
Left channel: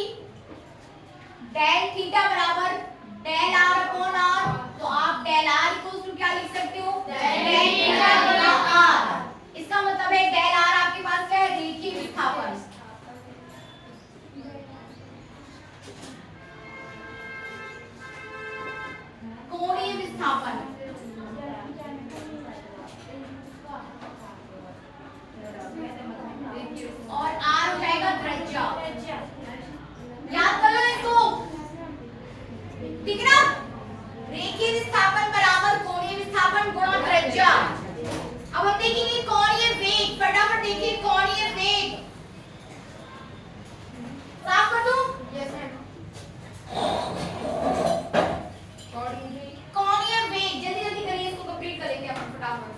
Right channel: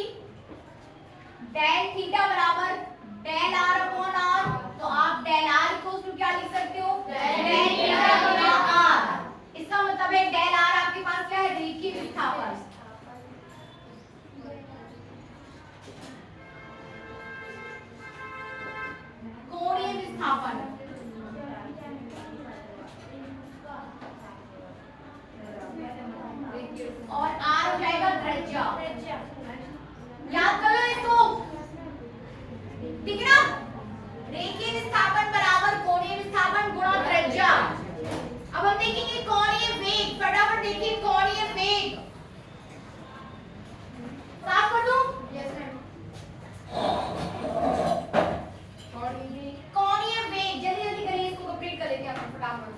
डेल थीटा बराबर डेल R अपॉन R। तो आप डेल R इक्वल्स टू क्या लिख सकते हो? डेल थीटा गुणा R। इसका मतलब है डेल R आपके पास क्या है? रेखीय विस्थापन। कोणीय विस्थापन रेखीय विस्थापन बराबर कोणीय विस्थापन गुणा त्रिज्या। अब हम देखेंगे कोणीय वेग, फटाफट देखिए कोणीय वेग साफ कर दूं। Yes ma'am. कोणीय वेग जल्दी जल्दी करिए, इसको कंप्लीट कर लेंगे अपन फटाफट।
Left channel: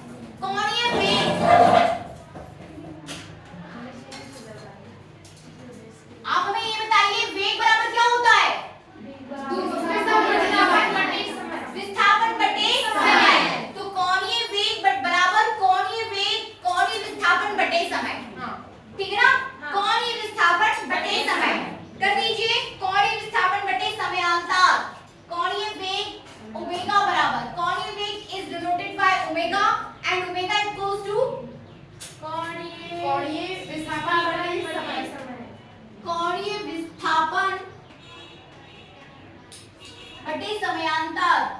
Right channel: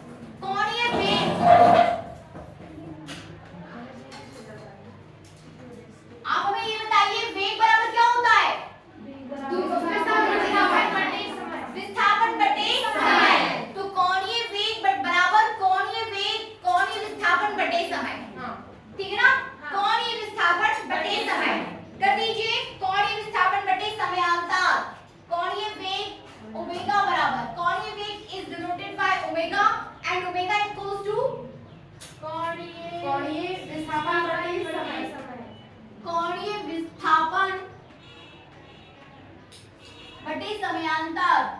कोणीय वेग, आप हमें ये बताइए वेग बराबर क्या होता है? विस्थापन बटे समय। तो कोणीय वेग बराबर कोणीय वेग कोणीय विस्थापन बटे समय, ठीक है ना? कोणीय विस्थापन बटे समय कर दीजिए। कोणीय विस्थापन बटे समयांतर, कोणीय वेग ओमेगा बराबर, कोणीय वेग is denoted by omega and omega equals to कोणीय विस्थापन बटे समय। कोणीय विस्थापन बटे समयांतर।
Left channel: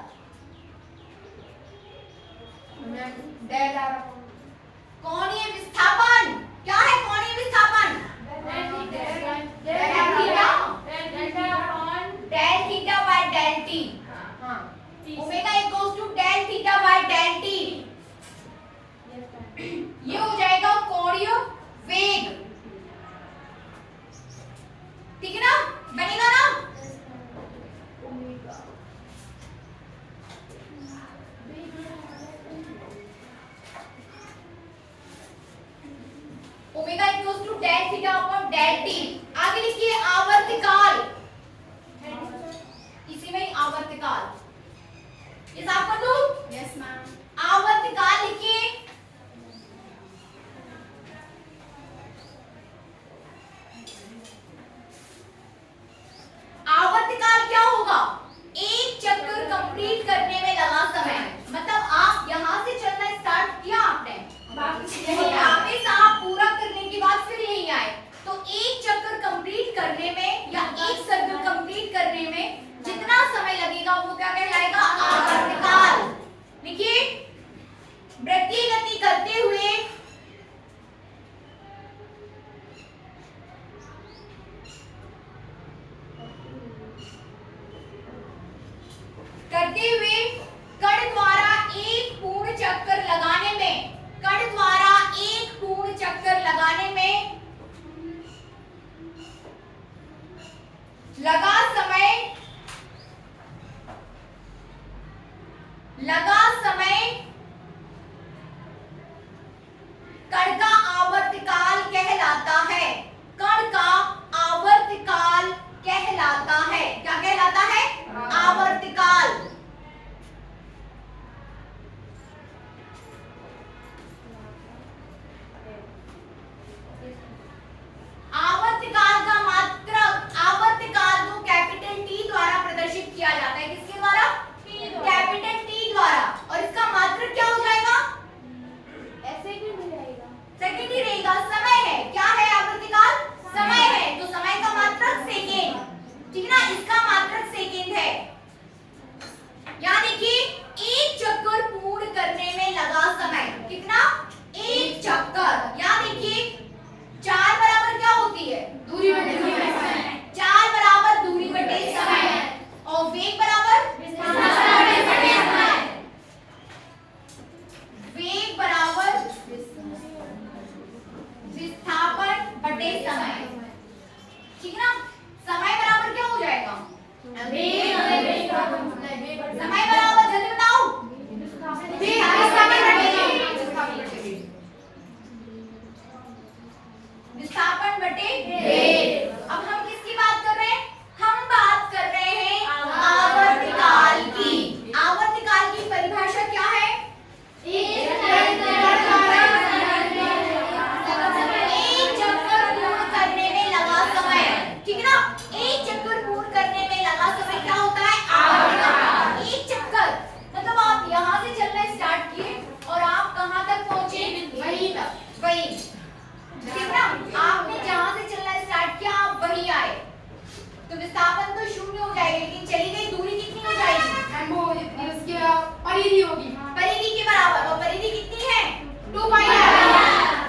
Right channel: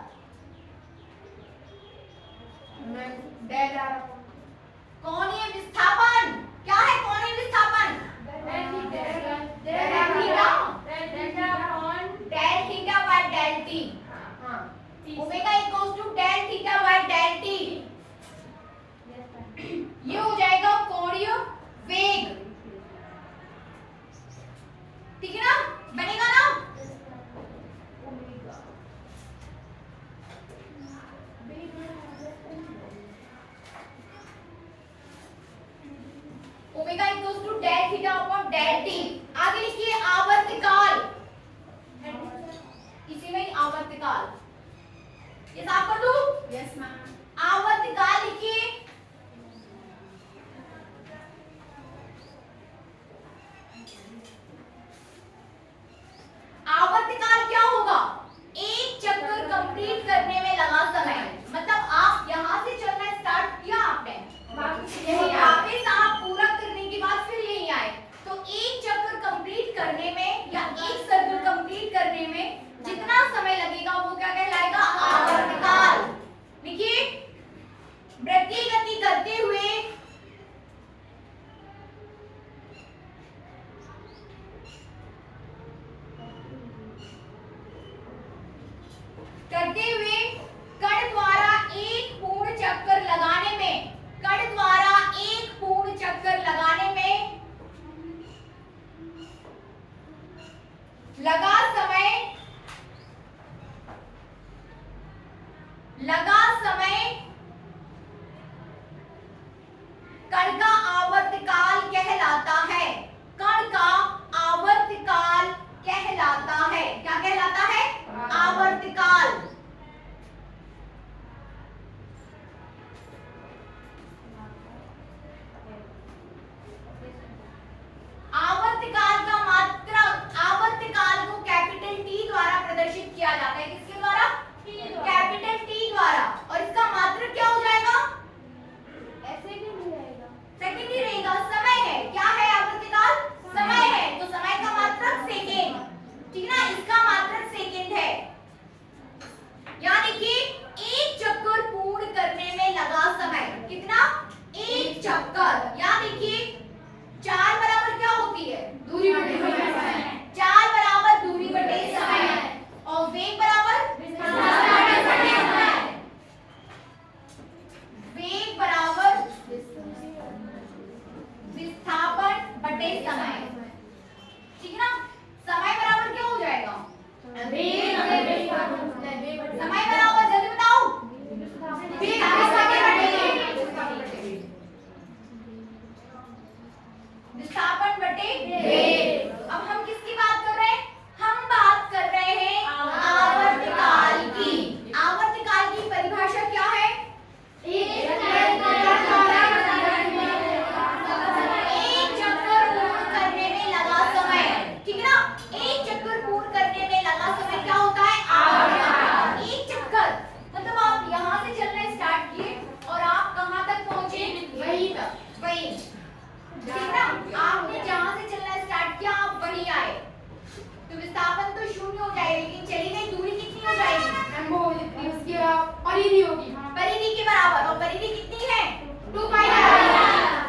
मैम डेल आ रहा कोणीय विस्थापन क्या है? कोणीय विस्थापन del theta by del t, omega equals to del theta by del t. ये हो जाएगा कोणीय वेग, ठीक है ना? बनेगा ना? Omega equals to del theta upon del t. आगे लिखिए आवर्तकाल, इसी में ही आवर्तकाल, ये साफ कर दूं। Yes ma'am. आवर्तकाल लिखिए। आवर्तकाल क्या होगा? एक चक्कर कंप्लीट करने में लगा समय। मतलब आप यहां से चलना स्टार्ट किया आपने, वापस आप पूरा करने के बाद फिर यहीं आए, तो एक चक्कर कंप्लीट करने में या एक सर्कल कंप्लीट करने में जितना समय लगेगा वो क्या कहलाएगा? आवर्तकाल। देखिए वृत्तीय गति करते हुए कण द्वारा एक पूर्ण चक्कर लगाने में, कण द्वारा एक पूर्ण चक्कर लगाने में लगा समय कण का आवर्तकाल कहलाता है। कण का आवर्तकाल कहलाता है। क्या कहलाता है? आवर्तकाल। आवर्तकाल का मात्रक, आवर्तकाल को कैपिटल टी द्वारा प्रदर्शित किया जाता है। किसके द्वारा? कैपिटल टी द्वारा। और इसका मात्रक क्या हो जाएगा? सेकंड ही रहेगा। समय है, क्या है आवर्तकाल? समय है, तो समय का मात्रक सेकंड, ठीक ना? इसका मात्रक सेकंड है। यानी कि एक चक्कर पूर्ण करने में लगा समय कितना? एक चक्कर। यानी कि 4 बराबर क्या होती है? दूरी बटे समय। 4 बराबर दूरी बटे समय और वेग बराबर वेग बराबर विस्थापन बटे समय, ठीक है ना? समय बराबर क्या हो जाएगा? समय बराबर जल्दी बताओ। विस्थापन बटे वेग। अब हम किसकी बात कर रहे हैं? हम बात कर रहे हैं आवर्तकाल की। आवर्तकाल की परिभाषा क्या है? एक चक्कर पूर्ण करने में लगा समय, ठीक है ना? एक चक्कर पूर्ण करने में लगा समय क्या होता है? आवर्तकाल। एक चक्कर मतलब आप यहाँ से चलना स्टार्ट किए और आप कहाँ तक पहुंचे? वहीं तक, वहीं, ठीक ना? आपने जहाँ से चलना स्टार्ट किया आप वहीं आए, तो विस्थापन तो शून्य हो जाएगा, लेकिन चली गई दूरी कितनी हो जाएगी? उसकी परिधि होगी, परिधि के बराबर। और परिधि कितनी है? 2 पाई आर।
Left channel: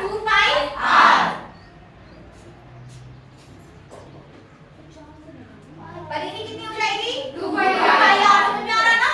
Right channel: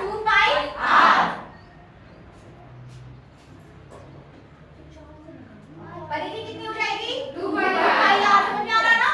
2 pi are. परिधि कितनी हो जाएगी? 2 पाई आर। समझ में आ रहा ना?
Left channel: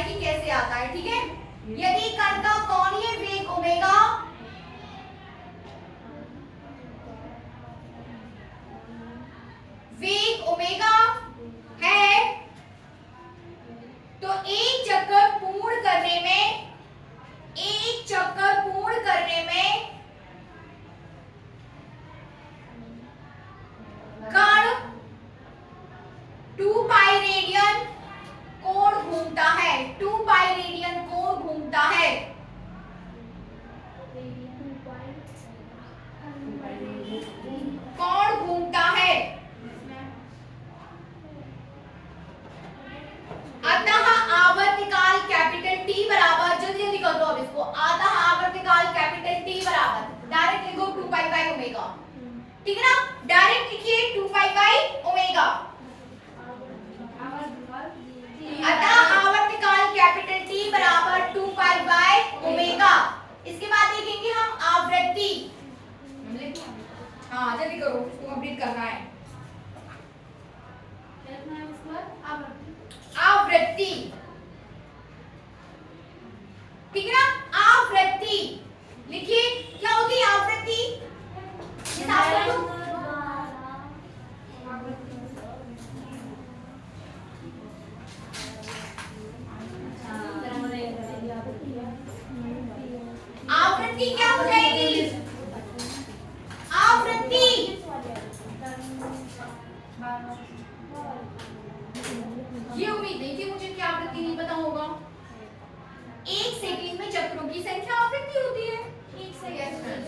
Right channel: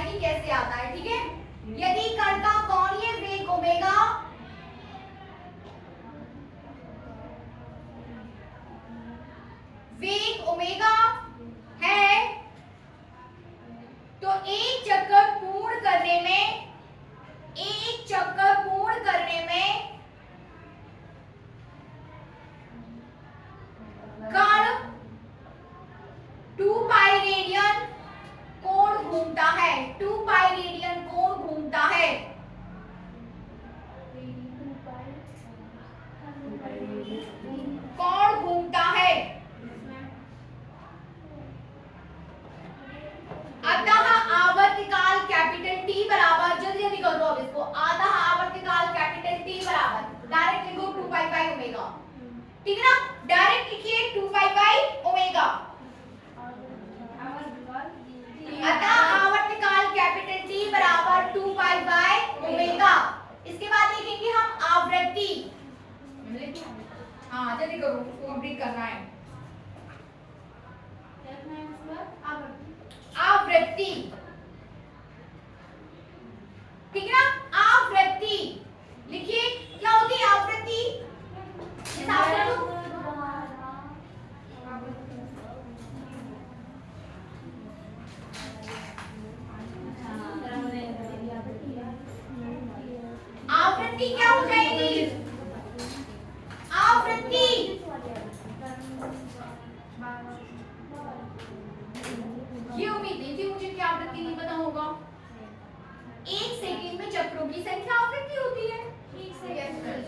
है कि कैसे आता है, ठीक है। यदि कण का कोणीय वेग ओमेगा है तो एक चक्कर पूर्ण करने में कण 2 पाई रेडियन कोण घूमता है, 2 पाई रेडियन कोण घूमता है। कोण घूमता है। अतः आवर्तकाल कैपिटल टी बराबर, जल्दी जल्दी कर दो अब इसको, अतः आवर्तकाल कैपिटल टी बराबर डायरेक्ट लिखो 2 पाई बाय ओमेगा, ठीक है ना। डायरेक्ट लिखिए 2 पाई बाय ओमेगा। अतः आवर्तकाल कैपिटल टी बराबर 2 पाई बाय ओमेगा। इसके बाद देखेंगे हम आवृत्ति। हाँ जल्दी करो, उसको कंप्लीट करना है। आवृत्ति, ठीक है ना। आवृत्ति लिखिए, क्या होती है आवृत्ति? आवृत्ति क्या हो जाएगी? आवृत्ति ये उम्मीद नहीं थी मुझे कि आवृत्ति नहीं पता होगा। एक सेकंड में चक्रों की संख्या आवृत्ति होती है,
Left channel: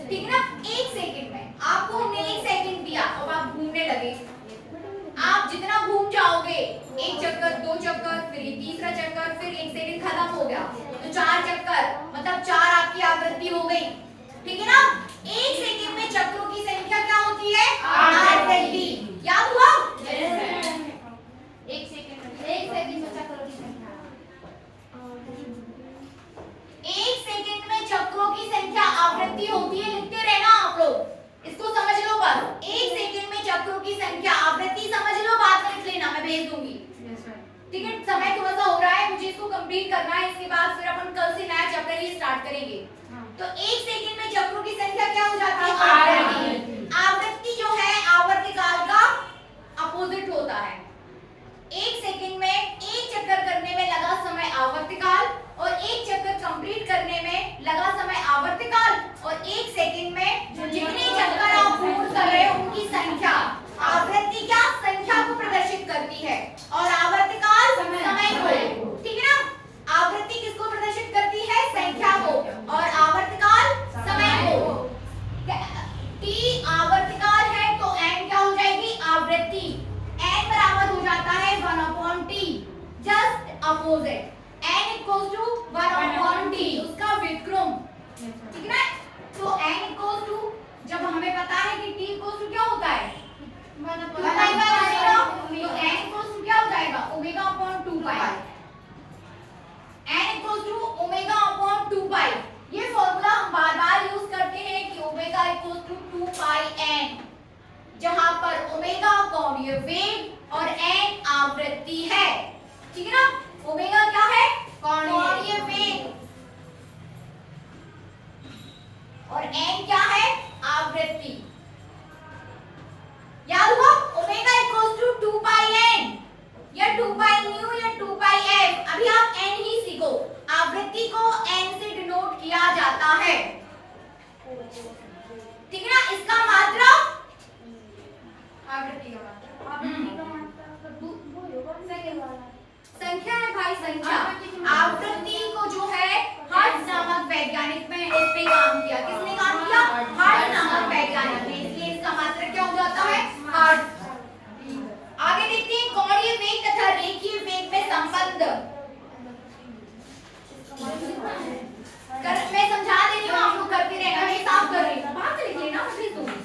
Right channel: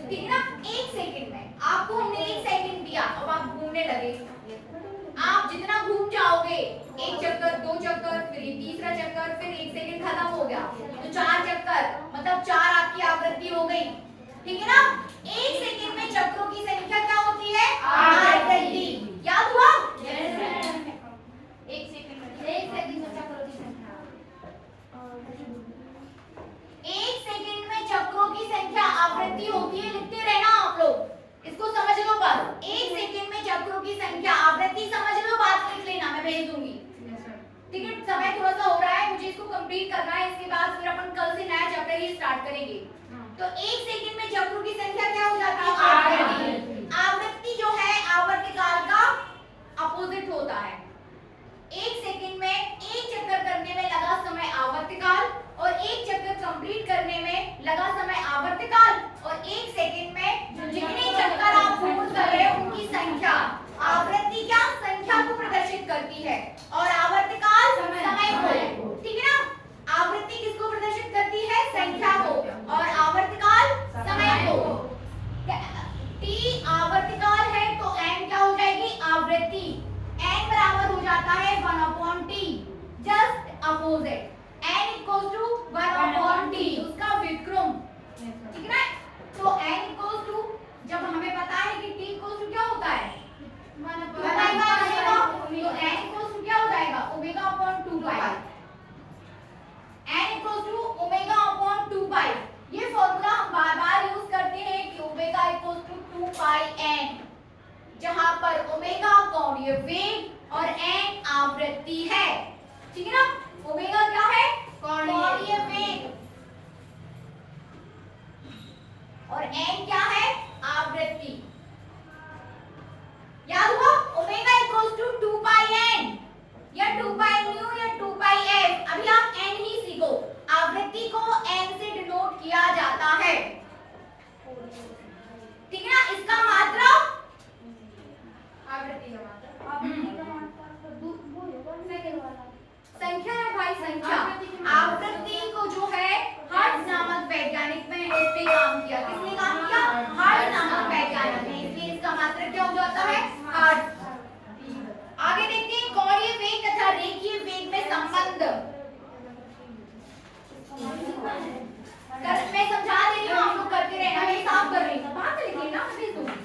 ठीक है ना। एक सेकंड में आपको हमने 1 सेकंड दिया, अब आप घूमने लगे, आप जितना घूम जाओगे, एक चक्कर, 2 चक्कर, फिर ये तीसरा चक्कर, फिर 1 सेकंड खत्म हो गया तो 4 चक्कर, मतलब 4 आपकी आवृत्ति हो गई, ठीक है ना। 1 सेकंड में चक्रों की संख्या क्या होती है? आवृत्ति। याद हुआ? एक सेकंड में चक्रों की संख्या। 1 सेकंड में चक्रों की संख्या आवृत्ति होती है, लिखते रहना आप लोग, इसको समझ लो बस। 1 सेकंड में चक्रों की संख्या आवृत्ति समझ लो, बाद में लिख लेना, मैं भेज दूंगी, ठीक है। समय थोड़ा सा हो रहा है, मुझे इसको कंप्लीट करना है, इसके बाद फिर अपन कल से नया चैप्टर ही स्टार्ट करेंगे। तो 1 सेकंड में चक्रों की संख्या क्या हो जाती है? आवृत्ति। आवृत्ति जो है आवर्तकाल का अपोजिट होता है। 1 सेकंड में एक चक्कर करने में लगा समय आवर्तकाल, और एक चक्कर कंप्लीट करने में लगा समय आवर्तकाल, और 1 सेकंड में जितने चक्कर आप पूर्ण कर रहे हो उनकी संख्या। आवृत्ति क्या संख्या को प्रदर्शित करती है और आवर्तकाल समय को, ठीक है ना। आवृत्ति किसको प्रदर्शित करती है? संख्या को, और आवर्तकाल समय को। टी आवर्तकाल है तो n क्या हो जाएगी? आवृत्ति। n बराबर हो जाता है 1/t, just opposite. n equals to 1/t, उसका व्युत्क्रम, ठीक है ना। तो n इक्वल्स टू, जब हमें पता है कि t इक्वल्स टू क्या होता है? 1/ओमेगा, तो n इक्वल्स टू क्या हो जाएगा? ओमेगा/2 n इक्वल्स टू ओमेगा/2 ये फॉर्मूला हम बार-बार यूज करते हैं कि omega equals to 2 pi n, जहां पर ओमेगा कोणीय वेग और n आवृत्ति है, ठीक है ना। ओमेगा क्या है? कोणीय वेग, और n क्या है? आवृत्ति। याद हुआ? Omega equals to 2 pi n या 2 पाई न्यू या 2 पाई f। अभी आप n ही सीखो, आवृत्ति को n से डिनोट किया जाता है, ठीक है ना। इसका मात्रा आवृत्ति का मात्रा, संख्या है भाई, संख्या। आवृत्ति को जो है हर्ट्ज नामक वैज्ञानिक ने इस पे काम किया। किसने काम किया? हर्ट्ज नामक वैज्ञानिक ने, इसलिए इसका मात्रक क्या हो जाता है? हर्ट्ज। आगे देखते हैं कोणीय वेग तथा रेखीय वेग में संबंध। मैं समझा दे रही हूँ, आप लोग करते रहना, मैं साफ कर रही हूँ, बात लिख लेना, मैं भेज दूंगी।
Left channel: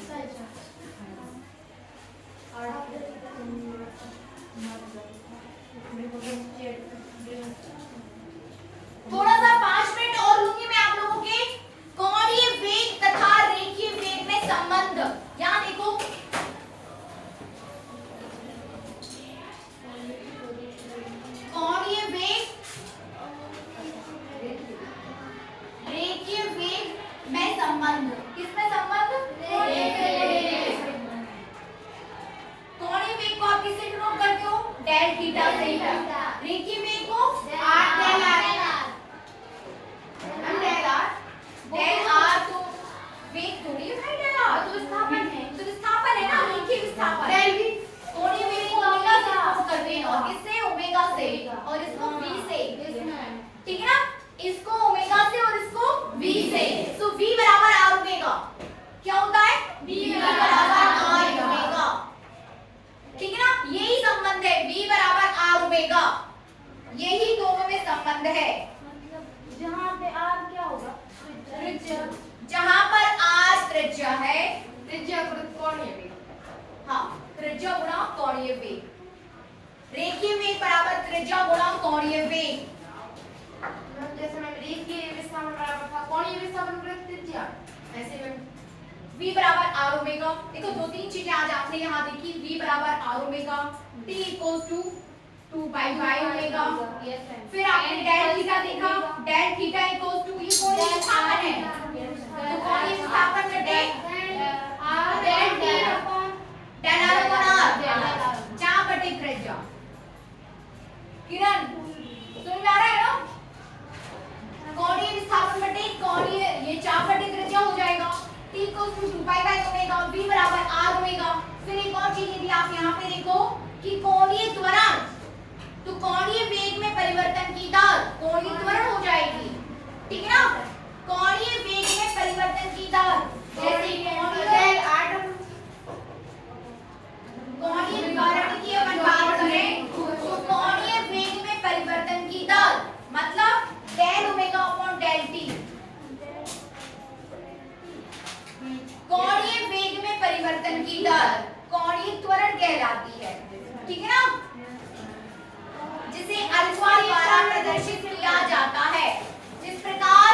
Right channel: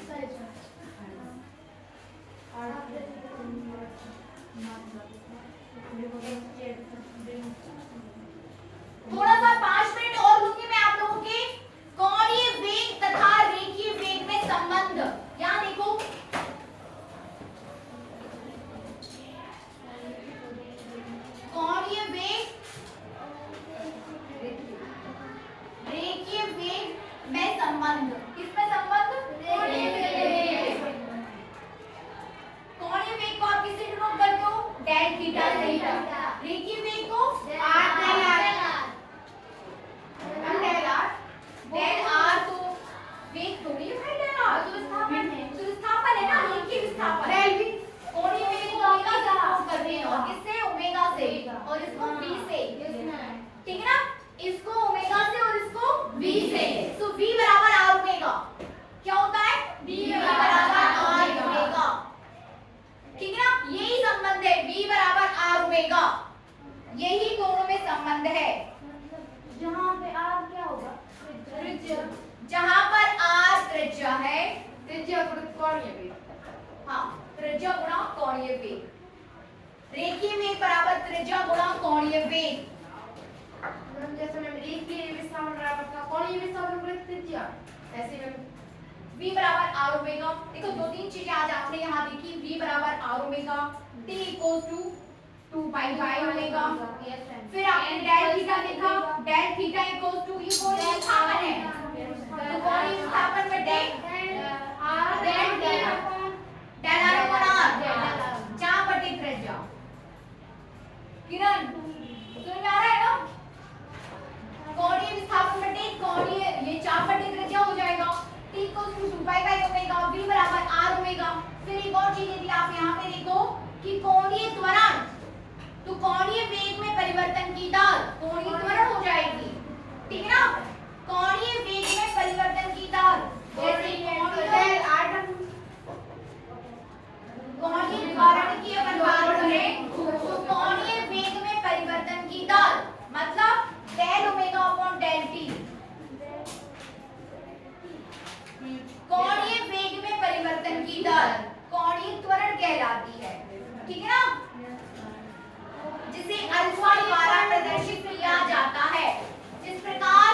थोड़ा सा 5 मिनट और लूंगी मैं आप लोगों के। कोणीय वेग तथा रेखीय वेग में संबंध, यहाँ देखो, कोणीय वेग रेखीय वेग को डेल आर तो वेग थोड़ी है डेल आर तो विस्थापन है ना, रेखीय विस्थापन कोणीय वेग को ओमेगा से प्रूव करते हैं और किससे ओमेगा से और इसको v से, ठीक है ना, इसको ओमेगा से और इसको v से। सो v बराबर r ओमेगा क्या होता है, v बराबर r ओमेगा, ठीक है ना, यही संबंध है v बराबर r ओमेगा, यही दोनों में संबंध है। जहाँ पे आर क्या होगा, जहां पर r त्रिज्या है, त्रिज्या कोणीय वेग, हाँ त्रिज्या गुणा कोणीय वेग, रेखीय वेग बराबर त्रिज्या गुणा कोणीय वेग। जैसे मैं रेखीय विस्थापन बराबर था कोणीय विस्थापन पर त्रिज्या, ऐसे में v बराबर r ओमेगा। देखो दो तीन चीजें आज आपने यहाँ देखी, v बराबर r omega, t equals to 2 pi by omega, फिर आपने डेल थीटा देखा, डेल थीटा इक्वल्स टू ये कोणीय विस्थापन है, तो कोणीय विस्थापन में डेल r अपॉन r जहां बटे त्रिज्या। किरण समझ में आ रहा है ना, कोणीय विस्थापन बटे कोणीय ये 4 बटे त्रिज्या हो जाएगा, t equals to 2 pi by omega, v बराबर r ओमेगा। फिर एक और चीज यदि आप यहाँ पे देखो कि कोणीय त्वरण, तो कोणीय वेग में परिवर्तन की दर कोणीय त्वरण हो जाएगी, ठीक है ना, कोणीय वेग में परिवर्तन की दर जैसे कोणीय त्वरण की अपन बात करें तो कोणीय वेग में परिवर्तन की दर मतलब del omega upon del t, कोणीय वेग में परिवर्तन की दर कोणीय त्वरण कहलाती है, ठीक है ना, जिसे अल्फा द्वारा प्रदर्शित किया जाता है। जिस प्रकार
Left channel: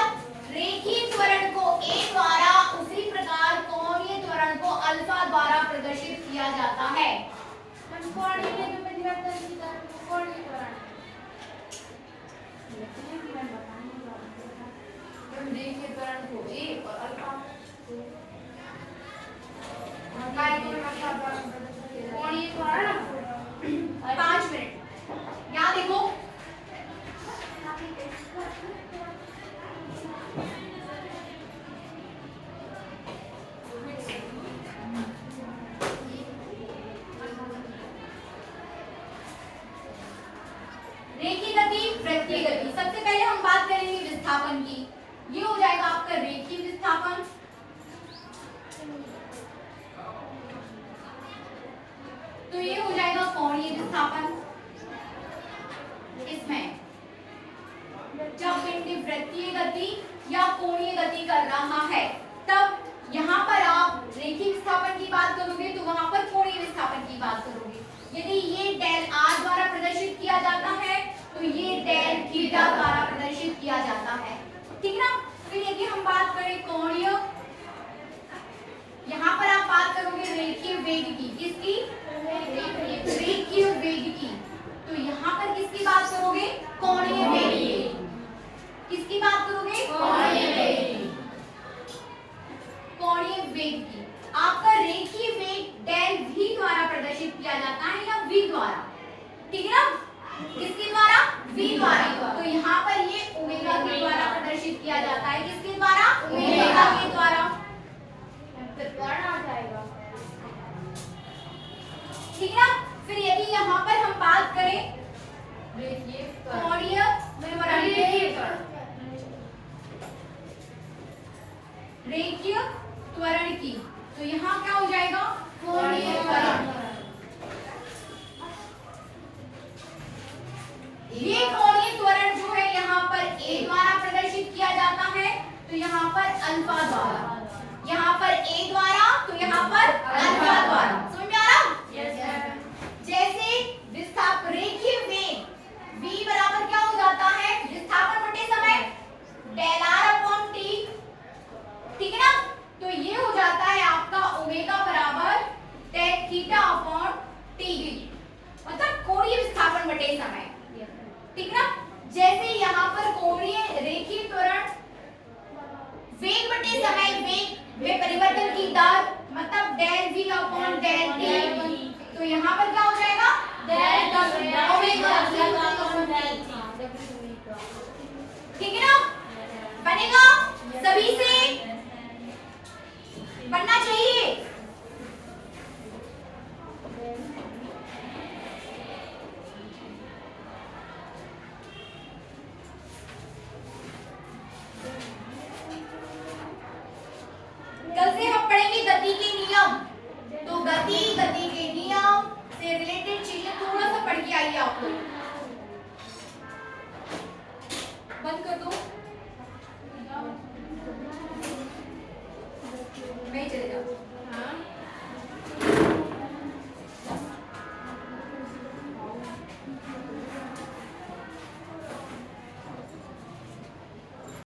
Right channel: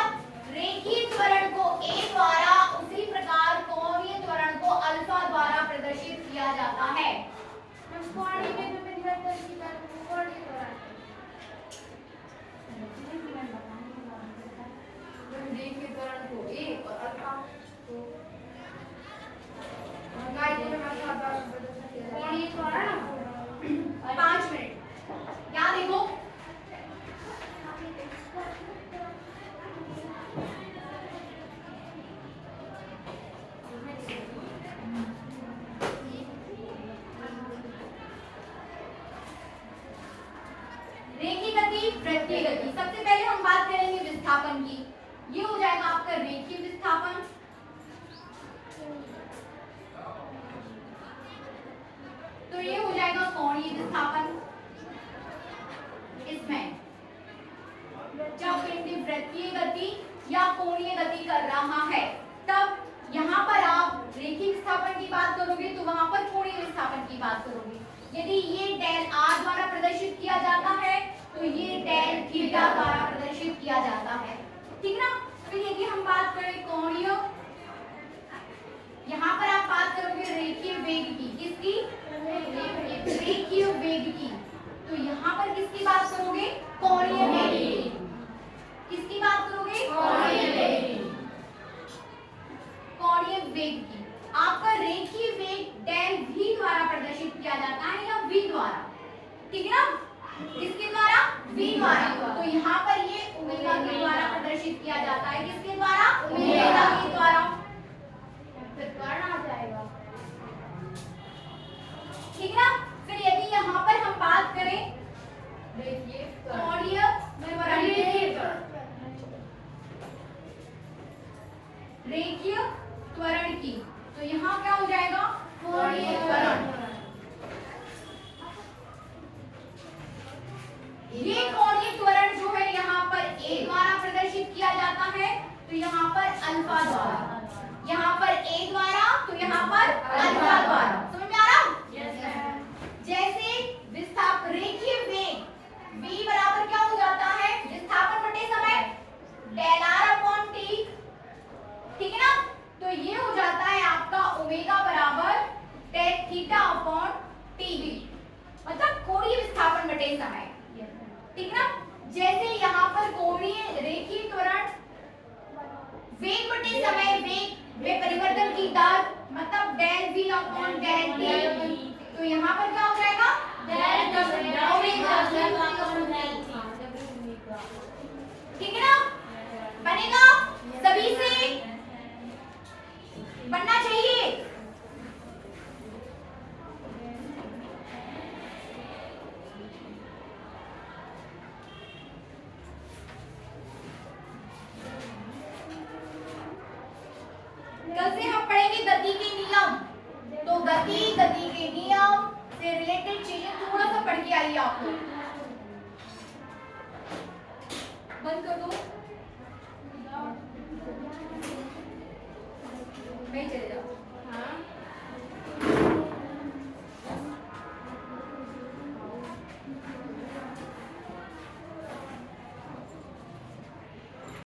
रेखीय त्वरण को a द्वारा, उसी प्रकार कोणीय त्वरण को अल्फा द्वारा प्रदर्शित किया जाता है। कोणीय वेग में परिवर्तन की दर कोणीय त्वरण, रेखीय त्वरण को a और अल्फा को कोणीय त्वरण 5 मिनट यहाँ देखो, रेखीय गति, वृत्तीय गति। सबसे पहले हम बात करेंगे विस्थापन की, ये हो जाएगा आपका रेखीय विस्थापन, तो ये हो जाएगा कोणीय विस्थापन। इसमें जब पिंड वृत्तीय गति या कोणीय गति कर रहा है तब यहाँ पर आप रेखीय विस्थापन की बात करोगे तो वहां पर कोणीय विस्थापन की बात करोगे। यदि ये डेल r द्वारा प्रदर्शित किया जाता है तो ये डेल थीटा द्वारा प्रदर्शित किया जाता है, ठीक ना। फिर यदि हम बात करें कोणीय, यहाँ पर आप बात करोगे रेखीय वेग की, किसकी, रेखीय वेग की, तो यहाँ पर किसकी बात करोगे, कोणीय वेग की, किसकी बात करोगे, कोणीय वेग की, कोणीय वेग की। आपका रेखीय वेग डेल v द्वारा प्रदर्शित किया जाता है या v द्वारा, ठीक है ना, किसके द्वारा, v द्वारा, तो यहाँ पर ये ओमेगा के द्वारा प्रदर्शित किया जाता है, किसके द्वारा, ओमेगा के द्वारा, आ जाएगा, ठीक है ना। फिर यदि यहाँ पर हम बात करें कोणीय रेखीय त्वरण की, तो यहाँ क्या हो जाएगा, कोणीय त्वरण। ये कोणीय त्वरण जो है यहाँ पर a द्वारा प्रदर्शित किया जाता है, तो यहाँ पर अल्फा द्वारा, यहाँ पर a द्वारा, तो यहाँ पर अल्फा द्वारा। समझ में आ रहा? जैसे विस्थापन रेखीय वेग v बराबर क्या हो जाता है, विस्थापन बटे समय डेल r अपॉन t, ठीक है ना, तो ये हो जाता है आपका ओमेगा बराबर डेल थीटा अपॉन t, मतलब कोणीय विस्थापन बटे समय, ठीक है ना। जैसे यहाँ पर कोणीय रेखीय त्वरण वेग बटे समय, वेग में परिवर्तन की दर मतलब del v upon del t, तो यहाँ पर क्या हो जाएगा, डेल ओमेगा ठीक है ना? बनेगा? सभी से बनना चाहिए।